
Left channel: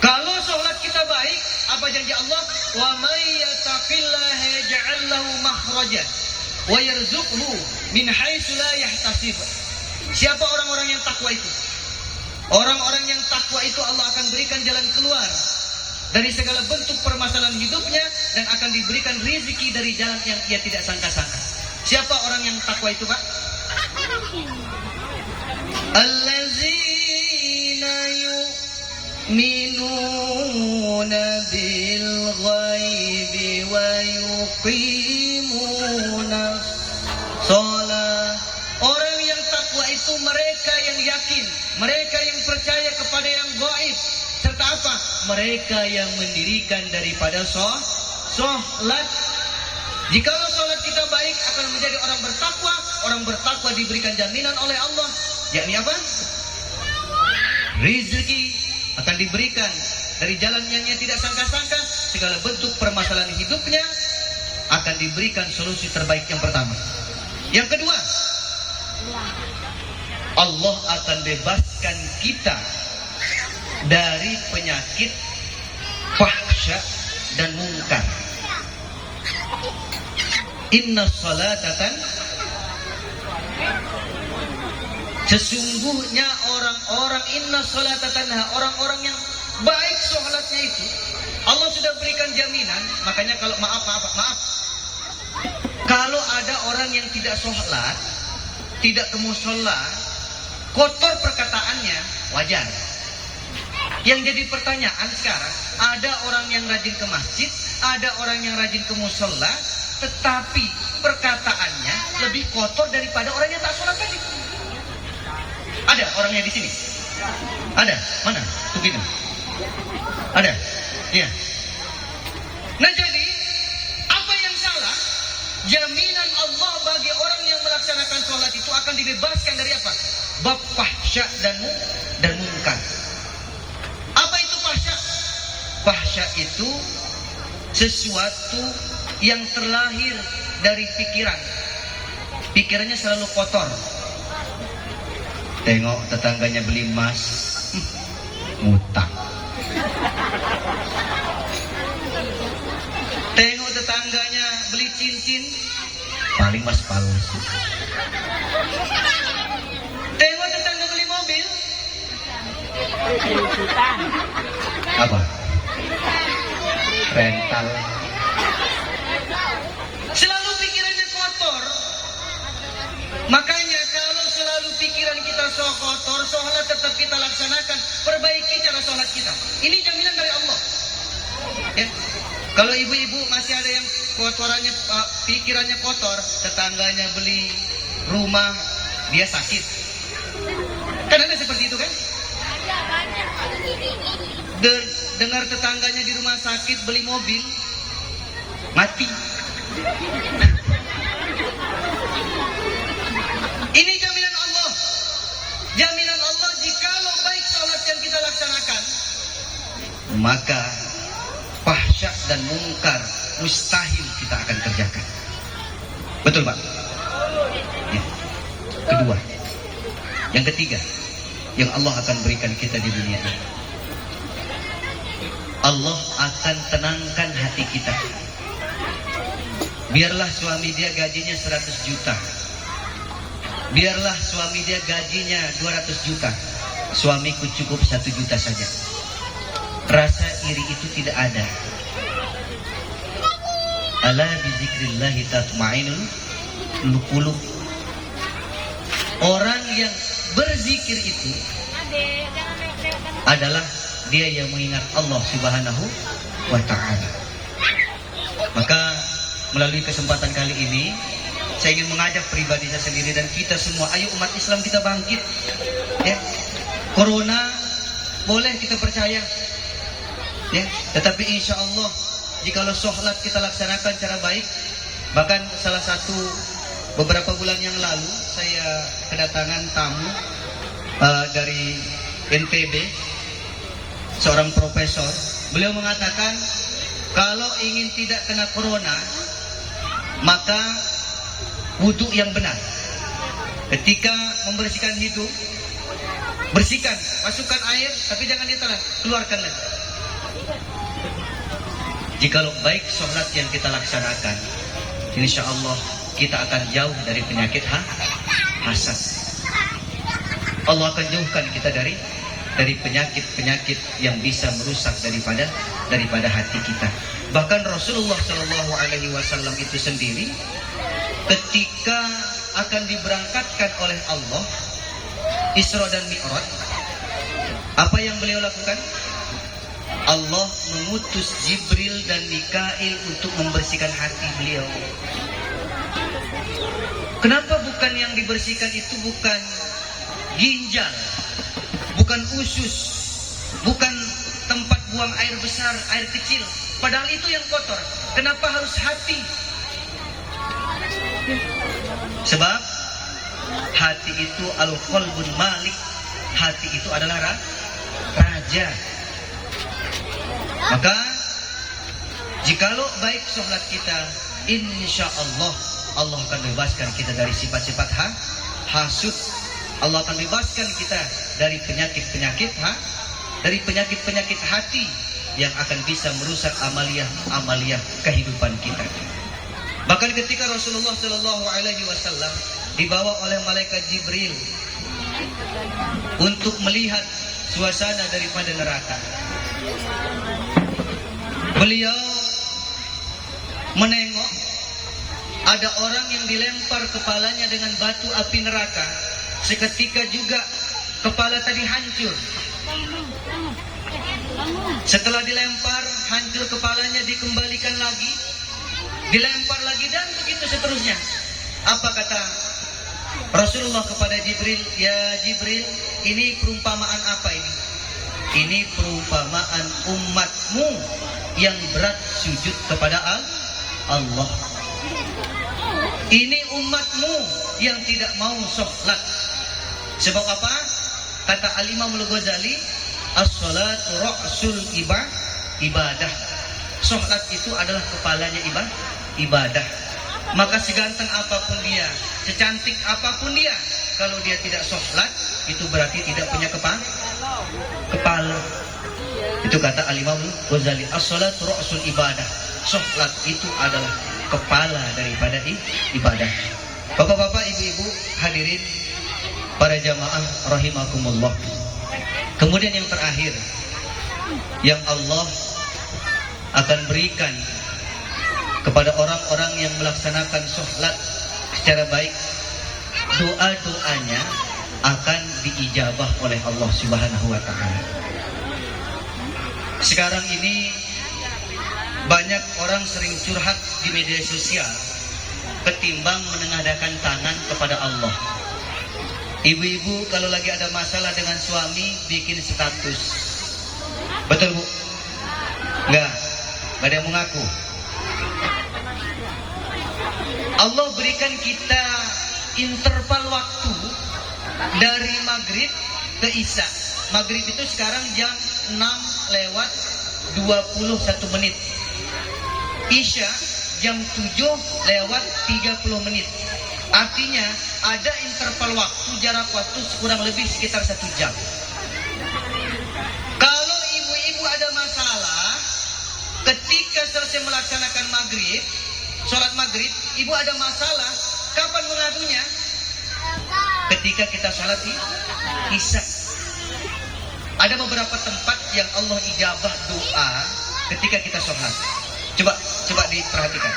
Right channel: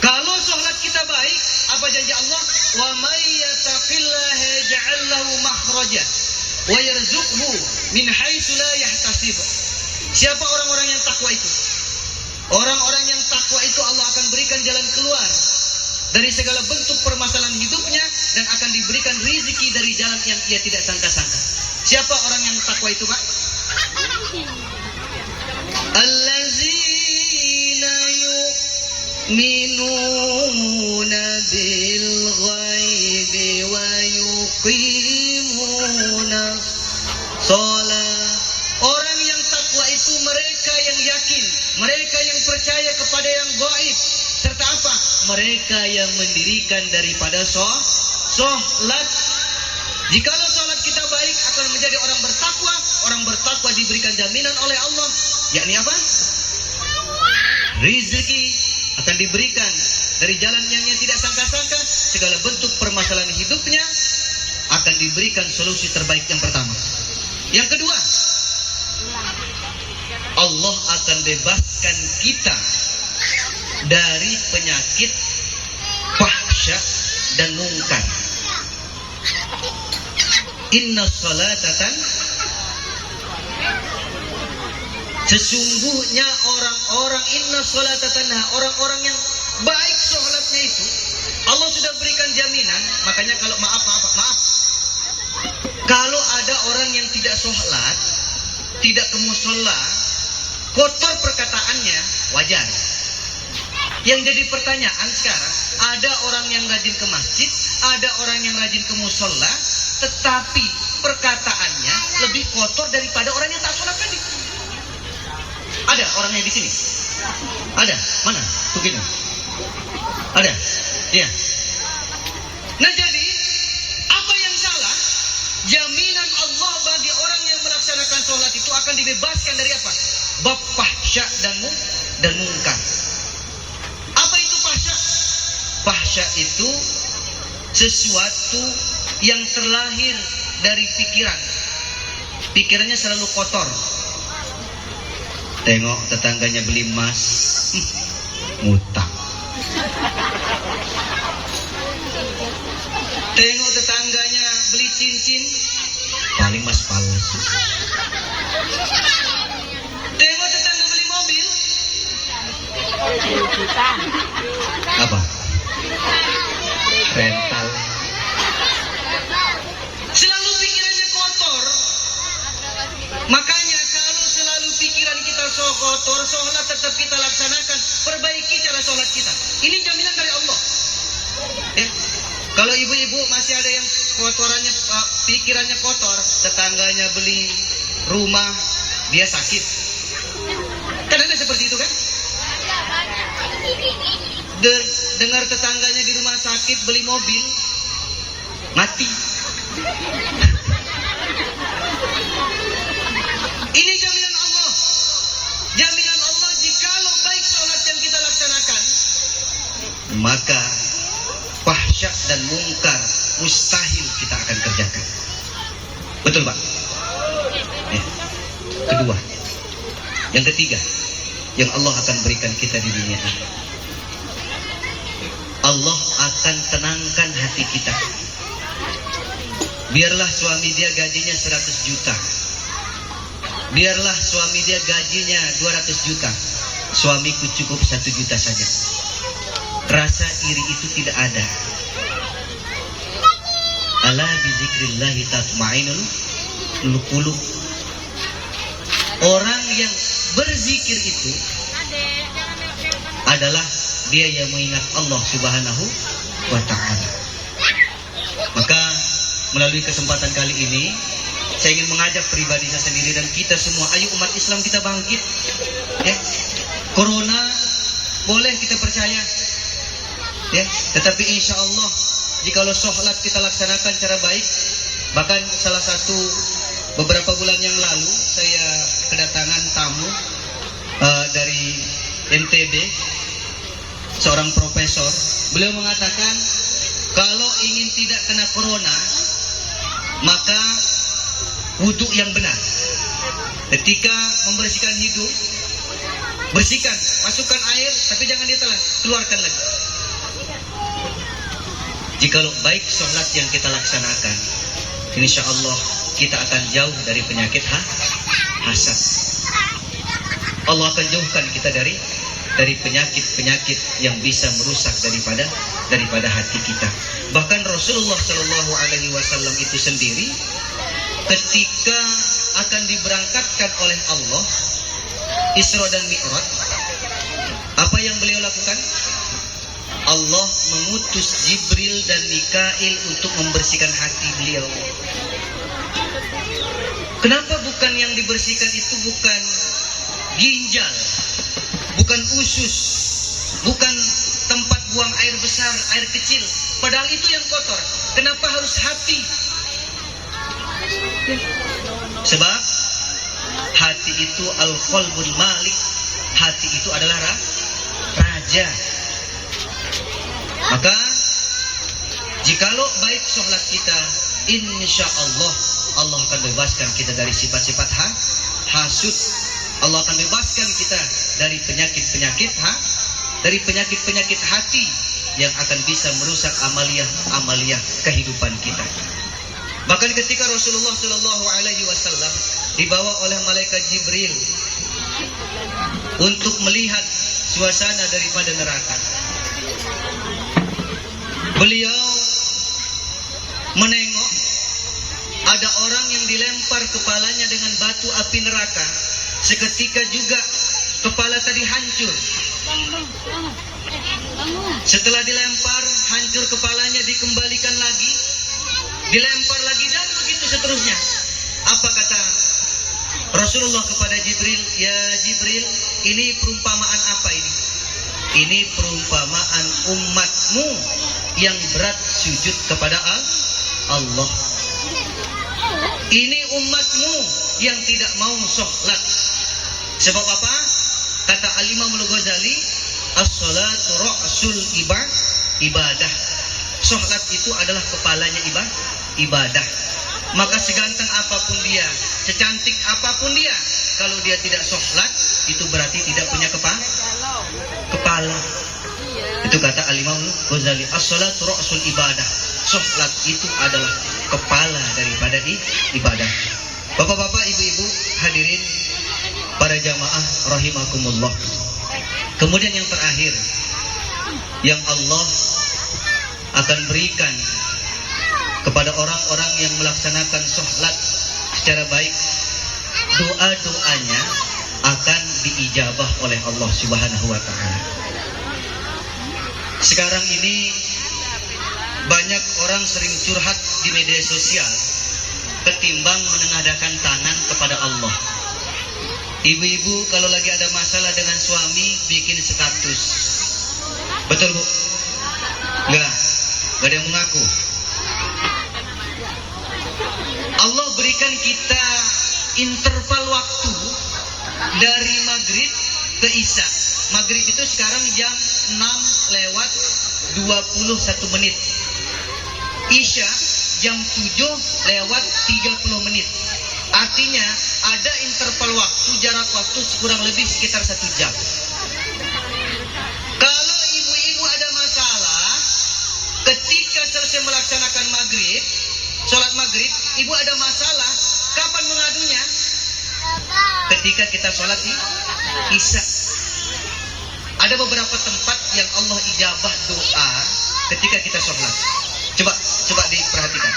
Kalau sholat kita baik, apa janji Allah? Wa may yattaqillaha yaj'al lahu makhraja wa yarzuqhu min haitsu la yahtasib. Siapa orang-orang yang takwa itu? Orang-orang yang takwa itu Allah akan berikan jalan keluar dari segala bentuk permasalahan hidupnya dan akan diberikan rezeki dari jalan yang ia tidak sangka-sangka. Siapa orang yang takwa itu, Pak? Allazina yu'minuna bil ghaibi wa yuqimuna shalah. Orang yang takwa itu mereka yang yakin, mereka yang percaya kepada yang gaib, serta apa? Mereka yang mendirikan daripada sholat. Jikalau sholat kita baik akan menjadi orang bertakwa. Orang bertakwa diberikan jaminan oleh Allah, yakni apa? Rezeki akan diberikan dari jalan yang ia tidak sangka-sangka. Segala bentuk permasalahan hidupnya akan diberikan solusi terbaik yang pertama. Yang kedua, Allah akan bebaskan kita dari penyakit fahsya dan mungkar. Inna salatatan, sesungguhnya orang-orang inna salatatan, orang-orang yang baik sholatnya itu Allah sudah berikan jaminan. Makanya kalau maaf, kalau ada orang yang tidak sholat, tidak ke mushola, kotor perkataannya, wajar. Yang jadi pertanyaan sekarang, ada orang yang rajin ke masjid, ada orang yang rajin ke mushola, tetapi perkataannya lebih kotor daripada orang yang tak sholat tadi. Ada orangnya di sini? Ada? Mana? Tuh gini. Ada? Iya. Nah jadi, apa yang salah? Jaminan Allah bagi orang yang melaksanakan sholat itu akan dibebaskan dari apa? Bab fahsya dan mungkar. Apa itu fahsya? Fahsya itu sesuatu yang terlahir dari pikiran. Pikirannya selalu kotor. Tengok tetangganya beli emas, ngutang. Tengok tetangganya beli cincin, paling mas palsu. Tengok tetangga beli mobil, apa? Rental. Selalu pikirannya kotor. Makanya kalau selalu pikiran kita kotor, sholat tetap kita laksanakan. Perbaiki cara sholat kita. Ini jaminan dari Allah. Ya. Kalau ibu-ibu masih ada yang kotorannya, pikirannya kotor, tetangganya beli rumah, dia sakit. Kan ada seperti itu kan? Dengar tetangganya di rumah sakit beli mobil, mati. Ini jaminan Allah. Jaminan Allah jikalau baik sholat yang kita laksanakan, maka fahsya dan mungkar mustahil kita akan kerjakan. Betul Pak? Ya. Kedua. Yang ketiga, yang Allah akan berikan kita di dunia ini, Allah akan tenangkan hati kita. Biarlah suami dia gajinya 100 juta, biarlah suami dia gajinya 200 juta, suamiku cukup 1 juta saja. Rasa iri itu tidak ada. Ala bizikrillahi tatma'innul qulub. Orang yang berzikir itu adalah dia yang mengingat Allah Subhanahu wa ta'ala. Maka melalui kesempatan kali ini, saya ingin mengajak pribadi saya sendiri dan kita semua, ayo umat Islam kita bangkit. Ya. Corona boleh kita percaya, ya, tetapi insya Allah jikalau sholat kita laksanakan cara baik. Bahkan salah satu beberapa bulan yang lalu saya kedatangan tamu dari NTB. seorang profesor. Beliau mengatakan kalau ingin tidak kena corona, maka wudhu yang benar. Ketika membersihkan hidung, bersihkan, masukkan air, tapi jangan ditelan, keluarkan lagi. Jikalau baik sholat yang kita laksanakan, insya Allah kita akan jauh dari penyakit hasad. Allah akan jauhkan kita dari penyakit-penyakit yang bisa merusak daripada hati kita. Bahkan Rasulullah Shallallahu Alaihi Wasallam itu sendiri, ketika akan diberangkatkan oleh Allah Isra dan Mi'raj, apa yang beliau lakukan? Allah mengutus Jibril dan Mikail untuk membersihkan hati beliau. Kenapa bukan yang dibersihkan itu bukan ginjal, bukan usus, bukan tempat buang air besar, air kecil, padahal itu yang kotor. Kenapa harus hati? Sebab hati itu al-qalbul malik, hati itu adalah raja. Maka jikalau baik sholat kita, insya Allah Allah akan bebaskan kita dari sifat-sifat hasud. Allah akan bebaskan kita dari penyakit-penyakit hati yang akan bisa merusak amalia kehidupan kita. Bahkan ketika Rasulullah Shallallahu Alaihi Wasallam dibawa oleh malaikat Jibril untuk melihat suasana daripada neraka, beliau menengok ada orang yang dilempar kepalanya dengan batu api neraka. Seketika juga kepala tadi hancur. Setelah dilempar, hancur kepalanya, dikembalikan lagi, dilempar lagi, dan begitu seterusnya. Apa kata Rasulullah kepada Jibril? Ya Jibril, ini perumpamaan apa ini? Ini perumpamaan umatmu yang berat sujud kepada Allah. Ini umatmu yang tidak mau sholat. Sebab apa? Kata Al-Imam Al-Ghazali, as-salatu ra'sul ibadah. Sholat itu adalah kepalanya ibadah. Maka seganteng apapun dia, secantik apapun dia, kalau dia tidak sholat, itu berarti tidak punya kepala. Itu kata Al-Imam Al-Ghazali, as-salatu ra'sul ibadah. Sholat itu adalah kepala daripada ibadah. Bapak-bapak, ibu-ibu, hadirin, para jamaah rahimakumullah. Kemudian yang terakhir yang Allah akan berikan kepada orang-orang yang melaksanakan sholat secara baik, doa-doanya akan diijabah oleh Allah Subhanahu wa ta'ala. Sekarang ini banyak orang sering curhat di media sosial ketimbang menengadahkan tangan kepada Allah. Ibu-ibu kalau lagi ada masalah dengan suami bikin status. Betul Bu? Enggak ada yang mengaku. Allah berikan kita interval waktu dari maghrib ke isya. Maghrib itu sekarang jam 6:21. Isya jam 7:30. Artinya ada interval waktu, jarak waktu kurang lebih sekitar 1 jam. Kalau ibu-ibu ada masalah ketika selesai melaksanakan maghrib, sholat maghrib, ibu ada masalah, kapan mengadunya? Ketika kita sholat isya. Ada beberapa tempat yang Allah ijabah doa ketika kita sholat. Coba diperhatikan.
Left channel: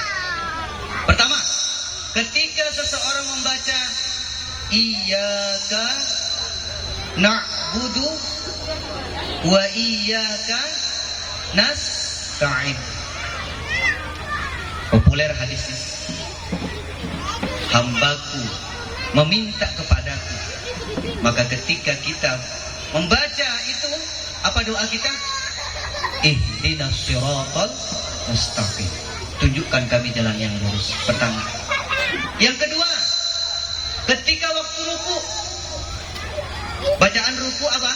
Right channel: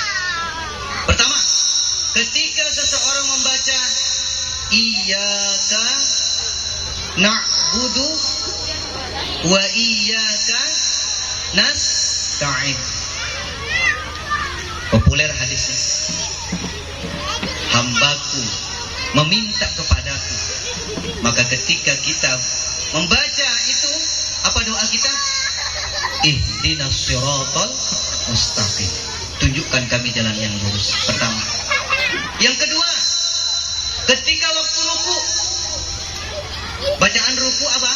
Pertama, ketika seseorang membaca iyyaka na'budu wa iyyaka nasta'in. Populer hadisnya. Hambaku meminta kepadaku. Maka ketika kita membaca itu, apa doa kita? Ihdinas siratal mustaqim. Tunjukkan kami jalan yang lurus. Pertama. Yang kedua, ketika waktu ruku, bacaan ruku apa?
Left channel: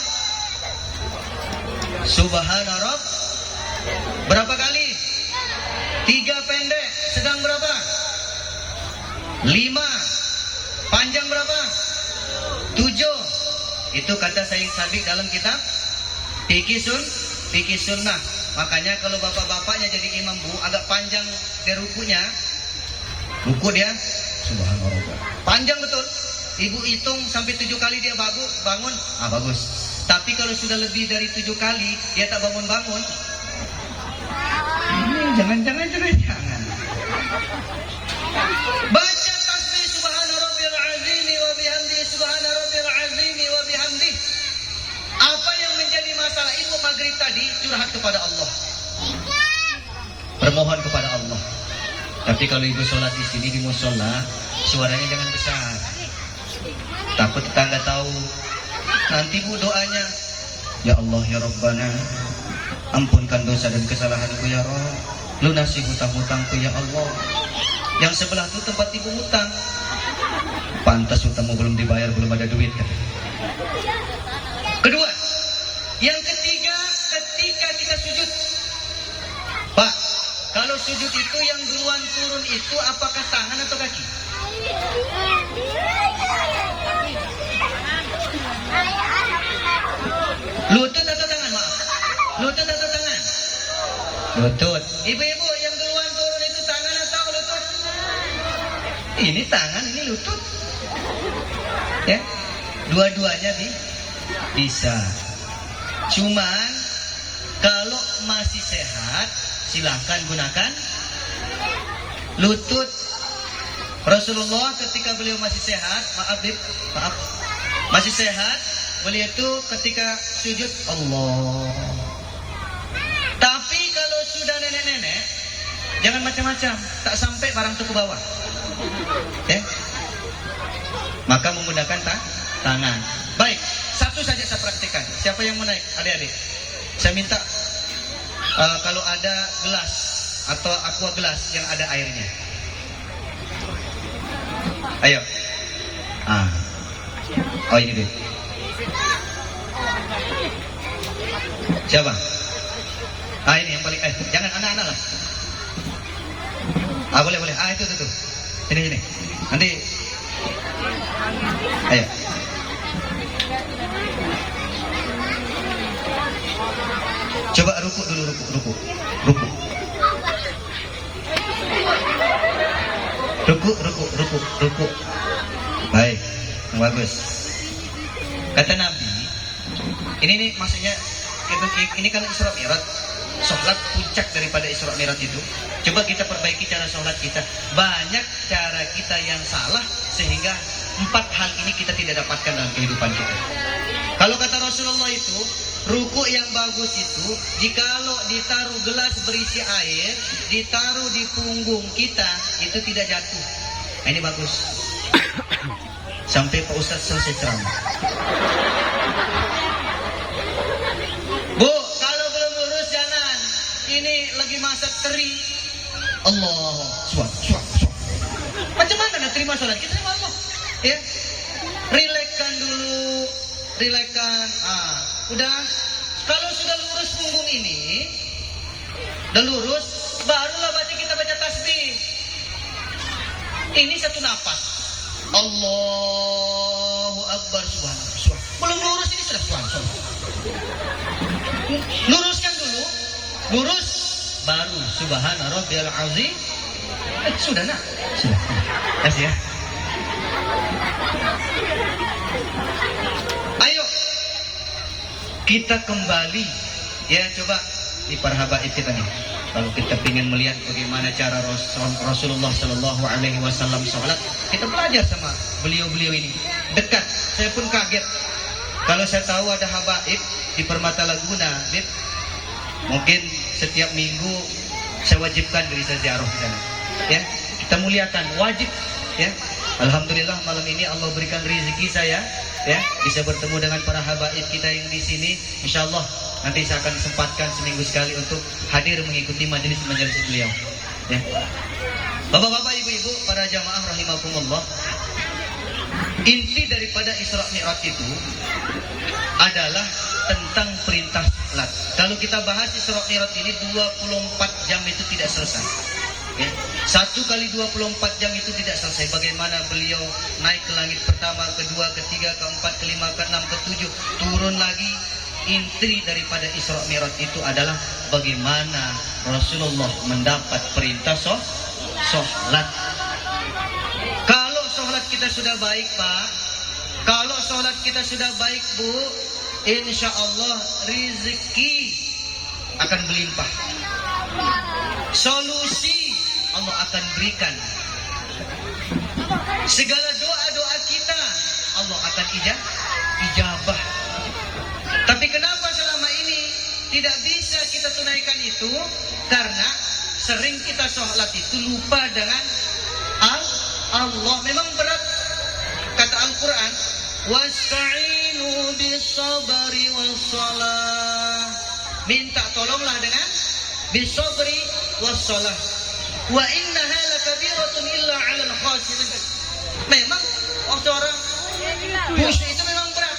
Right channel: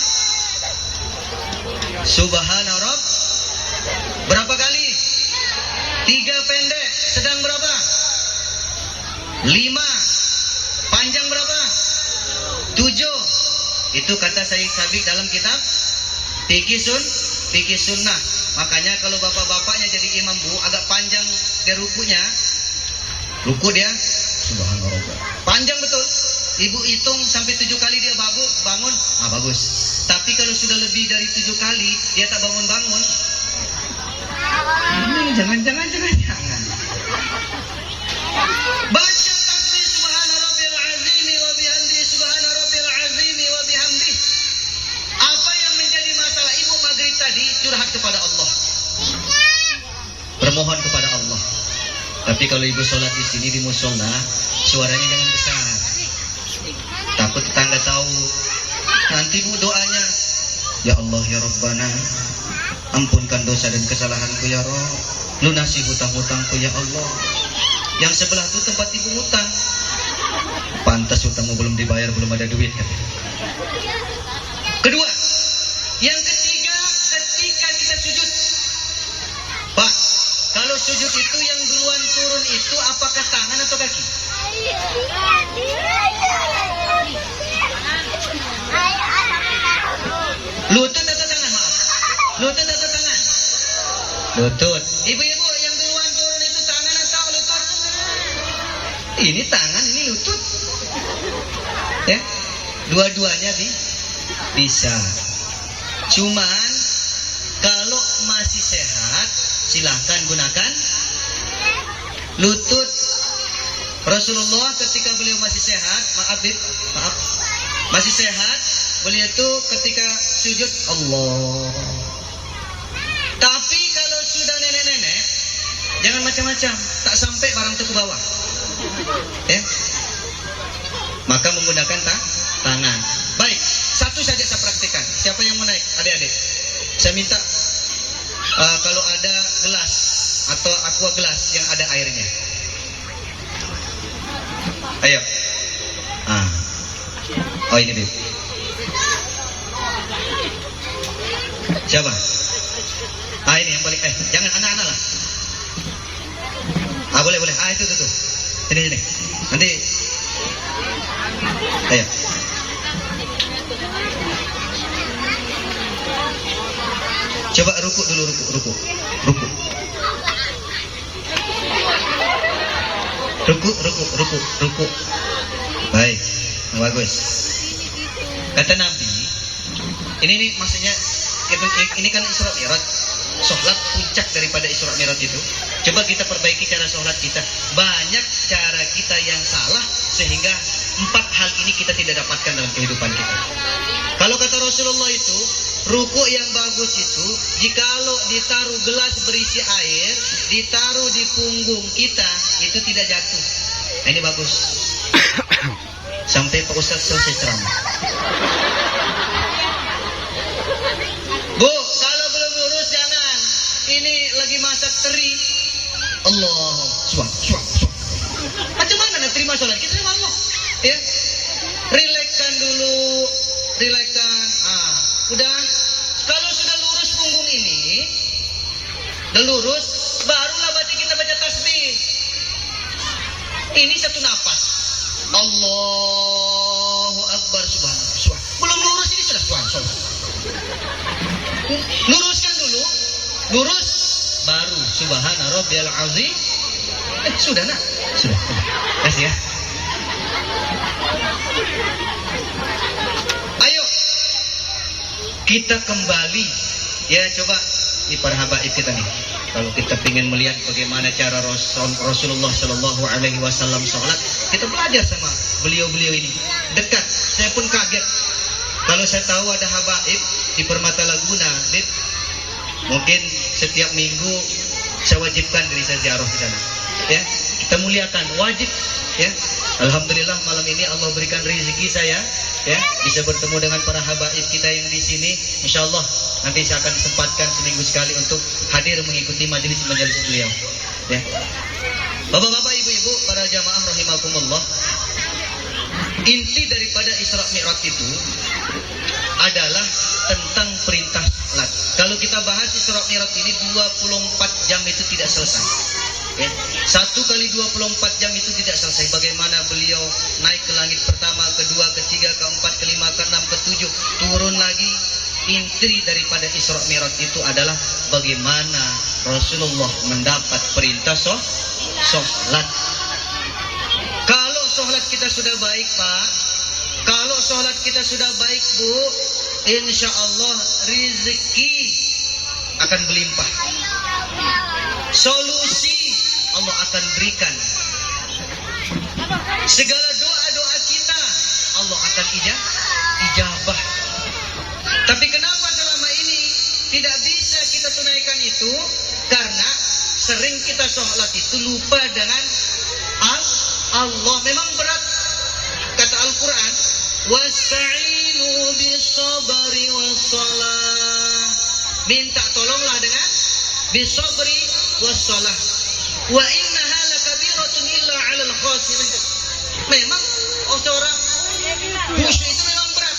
Subhana Rabb. Berapa kali? 3 pendek. Sedang berapa? 5. Panjang berapa? 7. Itu kata Syekh Sabiq dalam kitab Fikih Sunnah. Makanya kalau bapak-bapaknya jadi imam bu, agak panjang dia rukunya. Ruku dia Subhanallah. Panjang betul. Ibu hitung sampai 7 kali dia bangun. Bagus. Tapi kalau sudah lebih dari 7 kali dia tak bangun-bangun. Jangan. Baca tasbih subhana rabbil azim wa bihamdi subhana rabbil azim wa bihamdi. Apa yang menjadi masalah ibu maghrib tadi? Curhat kepada Allah. Bermohon kepada Allah. Tapi kalau ibu sholat di sini di musola, suaranya jangan besar. Takut tetangga tahu. Nanti bu doanya, ya Allah ya Rabbana, ampunkan dosa dan kesalahanku ya Rabb, lunasi hutang-hutangku ya Allah. Yang sebelah itu tempat ibu hutang. Pantas hutangmu belum dibayar, belum ada duit kan? Kedua, yang ketiga, ketika kita sujud, Pak, kalau sujud itu yang duluan turun itu apakah tangan atau kaki? Lutut atau tangan? Maaf. Lutut atau tangan? Lutut. Ibu-ibu yang duluan turun itu tangan atau lutut? Ini tangan, ini lutut. Ya, dua-duanya bisa. Cuman kalau masih sehat, silahkan gunakan lutut. Rasulullah ketika beliau masih sehat, maaf, masih sehat, beliau itu ketika sujud Allah. Tapi kalau sudah nenek-nenek, jangan macam-macam, tak sampai barang itu ke bawah. Ya? Maka menggunakan tangan. Baik, satu saja saya praktikkan. Siapa yang mau naik? Adik-adik. Saya minta kalau ada gelas atau aqua gelas yang ada airnya. Ayo. Oh ini Bib. Siapa? Ini yang paling jangan anak-anak lah. Boleh. Itu. Sini. Nanti. Ayo. Coba ruku dulu, ruku. Ruku. Baik, bagus. Kata Nabi, ini maksudnya ini kan Isra Mi'raj. Sholat puncak daripada Isra Mi'raj itu. Coba kita perbaiki cara sholat kita. Banyak cara kita yang salah sehingga 4 hal ini kita tidak dapatkan dalam kehidupan kita. Kalau kata Rasulullah itu, ruku yang bagus itu jikalau ditaruh gelas berisi air, ditaruh di punggung kita, itu tidak jatuh. Nah, ini bagus. Sampai Pak Ustadz selesai ceramah. Bu, kalau belum lurus jangan. Ini lagi masak teri. Allah, suat. Macam mana nak terima sholat kita sama Allah? Ya, relaxkan dulu, udah. Kalau sudah lurus punggung ini, udah lurus, barulah kita baca tasbih. Ini satu napas. Allahu Akbar, subhanallah. Belum lurus ini sudah subhanallah. Luruskan dulu, lurus, baru subhana rabbiyal azim. Sudah nak? Sudah. Kasih ya. Ayo kita kembali ya, coba ini para habaib kita nih. Kalau kita ingin melihat bagaimana cara Rasulullah Shallallahu Alaihi Wasallam sholat, kita belajar sama beliau-beliau ini. Dekat, saya pun kaget. Kalau saya tahu ada habaib di Permata Laguna, mungkin setiap minggu saya wajibkan diri saya ziarah di sana. Ya, kita muliakan, wajib. Ya, alhamdulillah malam ini Allah berikan rezeki saya, ya, bisa bertemu dengan para habaib kita yang di sini. Insya Allah nanti saya akan sempatkan seminggu sekali untuk hadir mengikuti majelis beliau. Ya. Bapak-bapak, ibu-ibu, para jamaah rahimakumullah. Inti daripada Isra Mi'raj itu adalah tentang perintah sholat. Kalau kita bahas Isra Mi'raj ini 24 jam itu tidak selesai. Okay. 1 kali 24 jam itu tidak selesai. Bagaimana beliau naik ke langit pertama, kedua, ketiga, keempat, kelima, keenam, ketujuh, turun lagi. Inti daripada Isra Mi'raj itu adalah bagaimana Rasulullah mendapat perintah sholat. Kalau sholat kita sudah baik, Pak, kalau sholat kita sudah baik, Bu, insya Allah rezeki akan berlimpah. Solusi Allah akan berikan. Segala doa-doa kita Allah akan ijabah. Tapi kenapa selama ini tidak bisa kita tunaikan itu? Karena sering kita sholat itu lupa dengan Allah. Memang berat. Kata Al-Quran, wasta'inu bisabri wassalah. Minta tolonglah dengan bisabri wassalah. Wa innaha lakabiratun illa 'alal khashirin. Memang seorang khusyuk itu memang berat.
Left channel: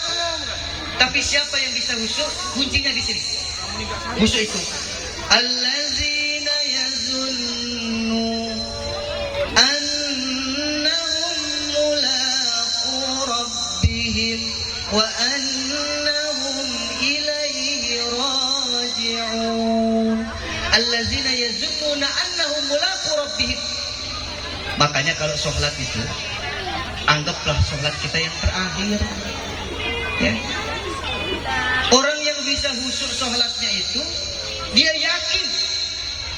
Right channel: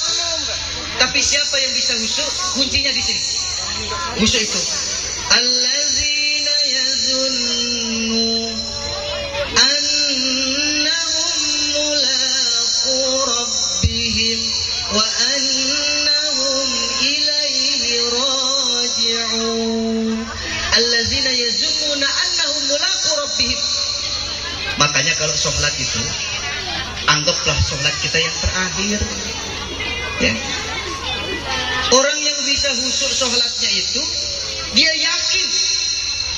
Tapi siapa yang bisa khusyuk? Kuncinya di sini. Khusyuk itu allazina yazunnu annahum mulaqu rabbihim wa annahum ilaihi raji'un. Allazina yazunnuna annahum mulaqu rabbihim. Makanya kalau sholat itu anggaplah sholat kita yang terakhir, ya. Orang yang bisa khusyuk sholatnya itu dia yakin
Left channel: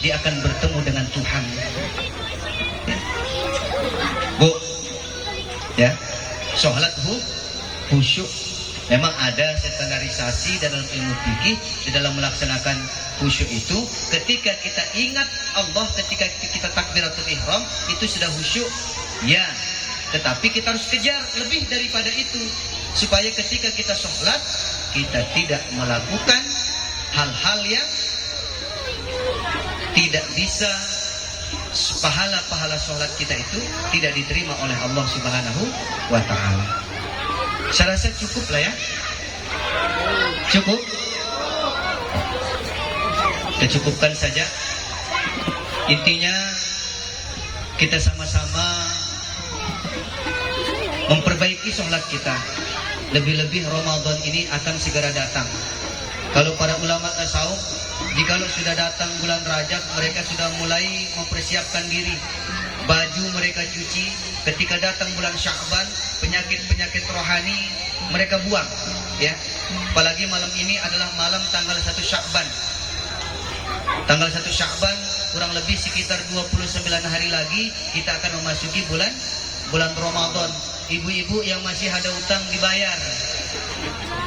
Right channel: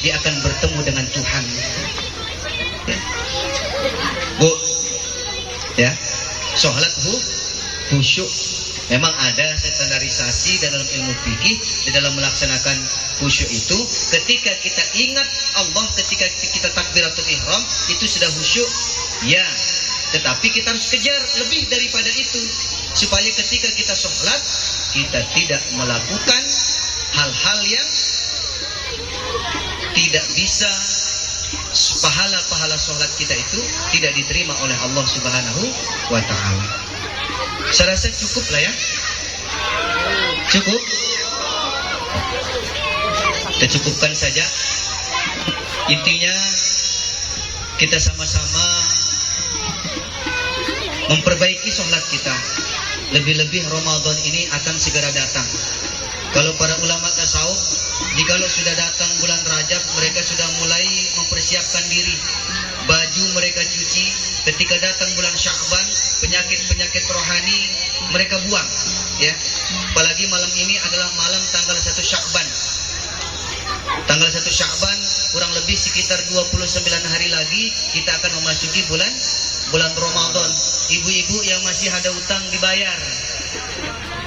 dia akan bertemu dengan Tuhan, Bu, ya. Sholat khusyuk memang ada standarisasi dalam ilmu fikih. Di dalam melaksanakan khusyuk itu, ketika kita ingat Allah, ketika kita takbiratul ihram, itu sudah khusyuk, ya. Tetapi kita harus kejar lebih daripada itu, supaya ketika kita sholat kita tidak melakukan hal-hal yang tidak bisa, pahala-pahala sholat kita itu tidak diterima oleh Allah Subhanahu wa ta'ala. Saya rasa cukup lah, ya. Cukup. Kita cukupkan saja. Intinya kita sama-sama memperbaiki sholat kita. Lebih-lebih Ramadan ini akan segera datang. Kalau para ulama tasawuf, jikalau sudah datang bulan Rajab, mereka sudah mulai mempersiapkan diri. Baju mereka cuci. Ketika datang bulan Sya'ban, penyakit-penyakit rohani mereka buang, ya. Apalagi malam ini adalah malam tanggal 1 Sya'ban. Tanggal 1 Sya'ban, kurang lebih sekitar 29 hari lagi kita akan memasuki bulan Ramadan. Ibu-ibu yang masih ada utang dibayar.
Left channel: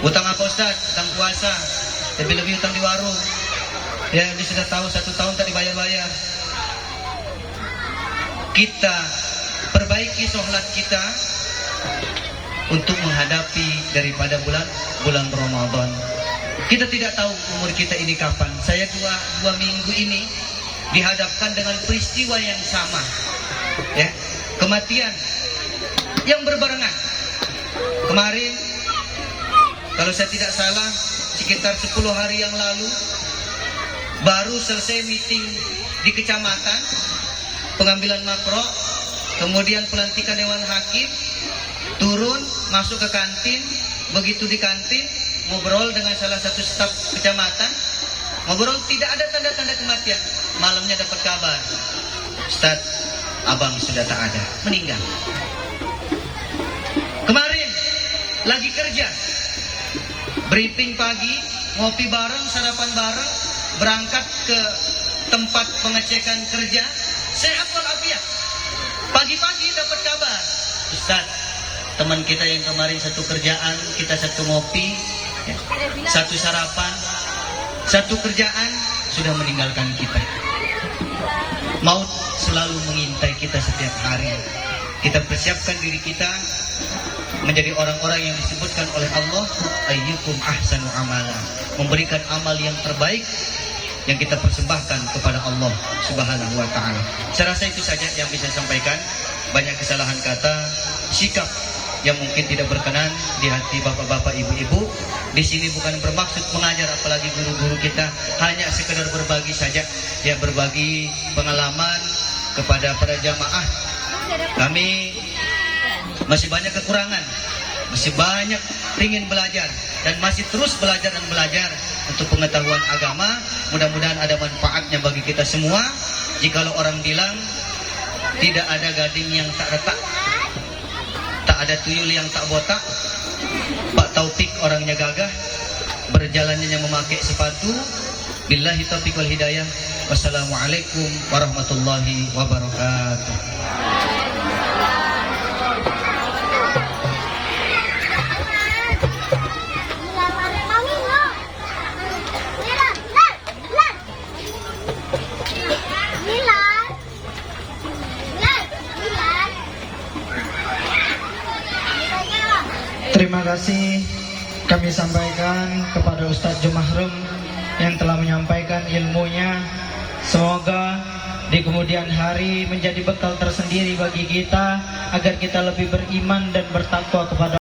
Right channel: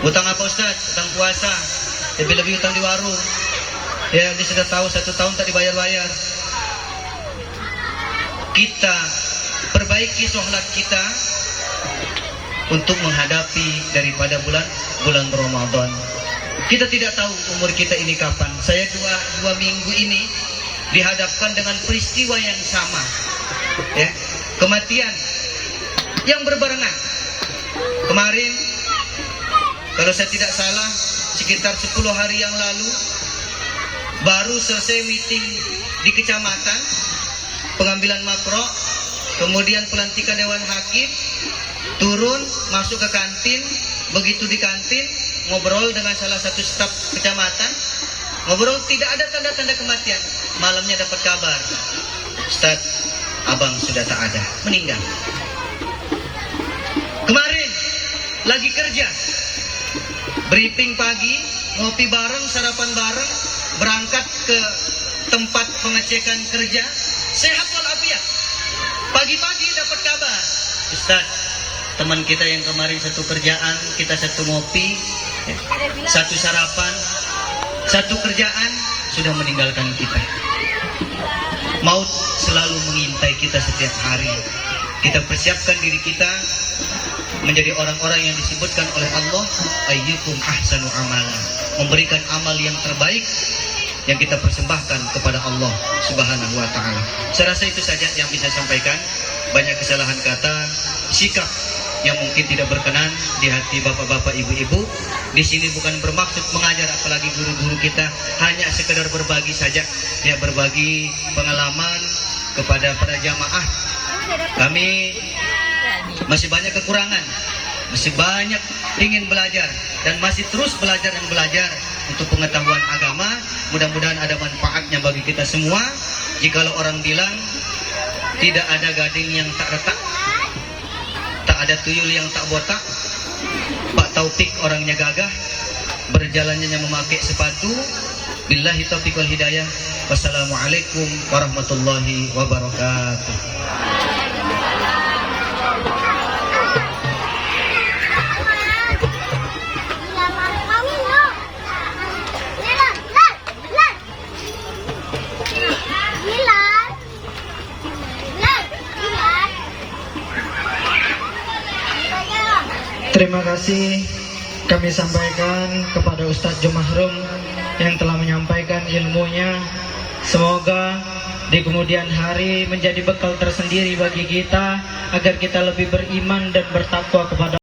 Utang apa, Ustaz? Utang puasa. Lebih-lebih utang di warung. Ya, dia sudah tahu 1 tahun tak dibayar-bayar. Kita perbaiki sholat kita untuk menghadapi daripada bulan Ramadan. Kita tidak tahu umur kita ini kapan. Saya dua minggu ini dihadapkan dengan peristiwa yang sama, ya. Kematian yang berbarengan. Kemarin, kalau saya tidak salah, sekitar 10 hari yang lalu, baru selesai meeting di kecamatan, pengambilan makro, kemudian pelantikan dewan hakim, turun, masuk ke kantin. Begitu di kantin, ngobrol dengan salah satu staf kecamatan, ngobrol, tidak ada tanda-tanda kematian. Malamnya dapat kabar, Ustaz, abang sudah tak ada, meninggal. Kemarin lagi kerja, briefing pagi, ngopi bareng, sarapan bareng, berangkat ke tempat pengecekan kerja, sehat walafiat. Pagi-pagi dapat kabar, Ustaz, teman kita yang kemarin satu kerjaan, kita satu ngopi, satu sarapan, satu kerjaan, sudah meninggalkan kita. Maut selalu mengintai kita setiap hari. Kita persiapkan diri kita menjadi orang-orang yang disebutkan oleh Allah, ayyukum ahsanu amala, memberikan amal yang terbaik yang kita persembahkan kepada Allah Subhanahu wa ta'ala. Saya rasa itu saja yang bisa saya sampaikan. Banyak kesalahan kata, sikap yang mungkin tidak berkenan di hati bapak-bapak, ibu-ibu. Di sini bukan bermaksud mengajar, apalagi guru-guru kita, hanya sekedar berbagi saja, ya, berbagi pengalaman kepada para jamaah. Kami masih banyak kekurangan, masih banyak ingin belajar dan masih terus belajar dan belajar untuk pengetahuan agama. Mudah-mudahan ada manfaatnya bagi kita semua. Jikalau orang bilang tidak ada gading yang tak retak, tak ada tuyul yang tak botak, Pak Taufik orangnya gagah, berjalannya memakai sepatu. Billahi taufiq wal hidayah. Wassalamualaikum warahmatullahi wabarakatuh. Terima kasih kami sampaikan kepada Ustadz Jumahrum yang telah menyampaikan ilmunya. Semoga di kemudian hari menjadi bekal tersendiri bagi kita agar kita lebih beriman dan bertakwa kepada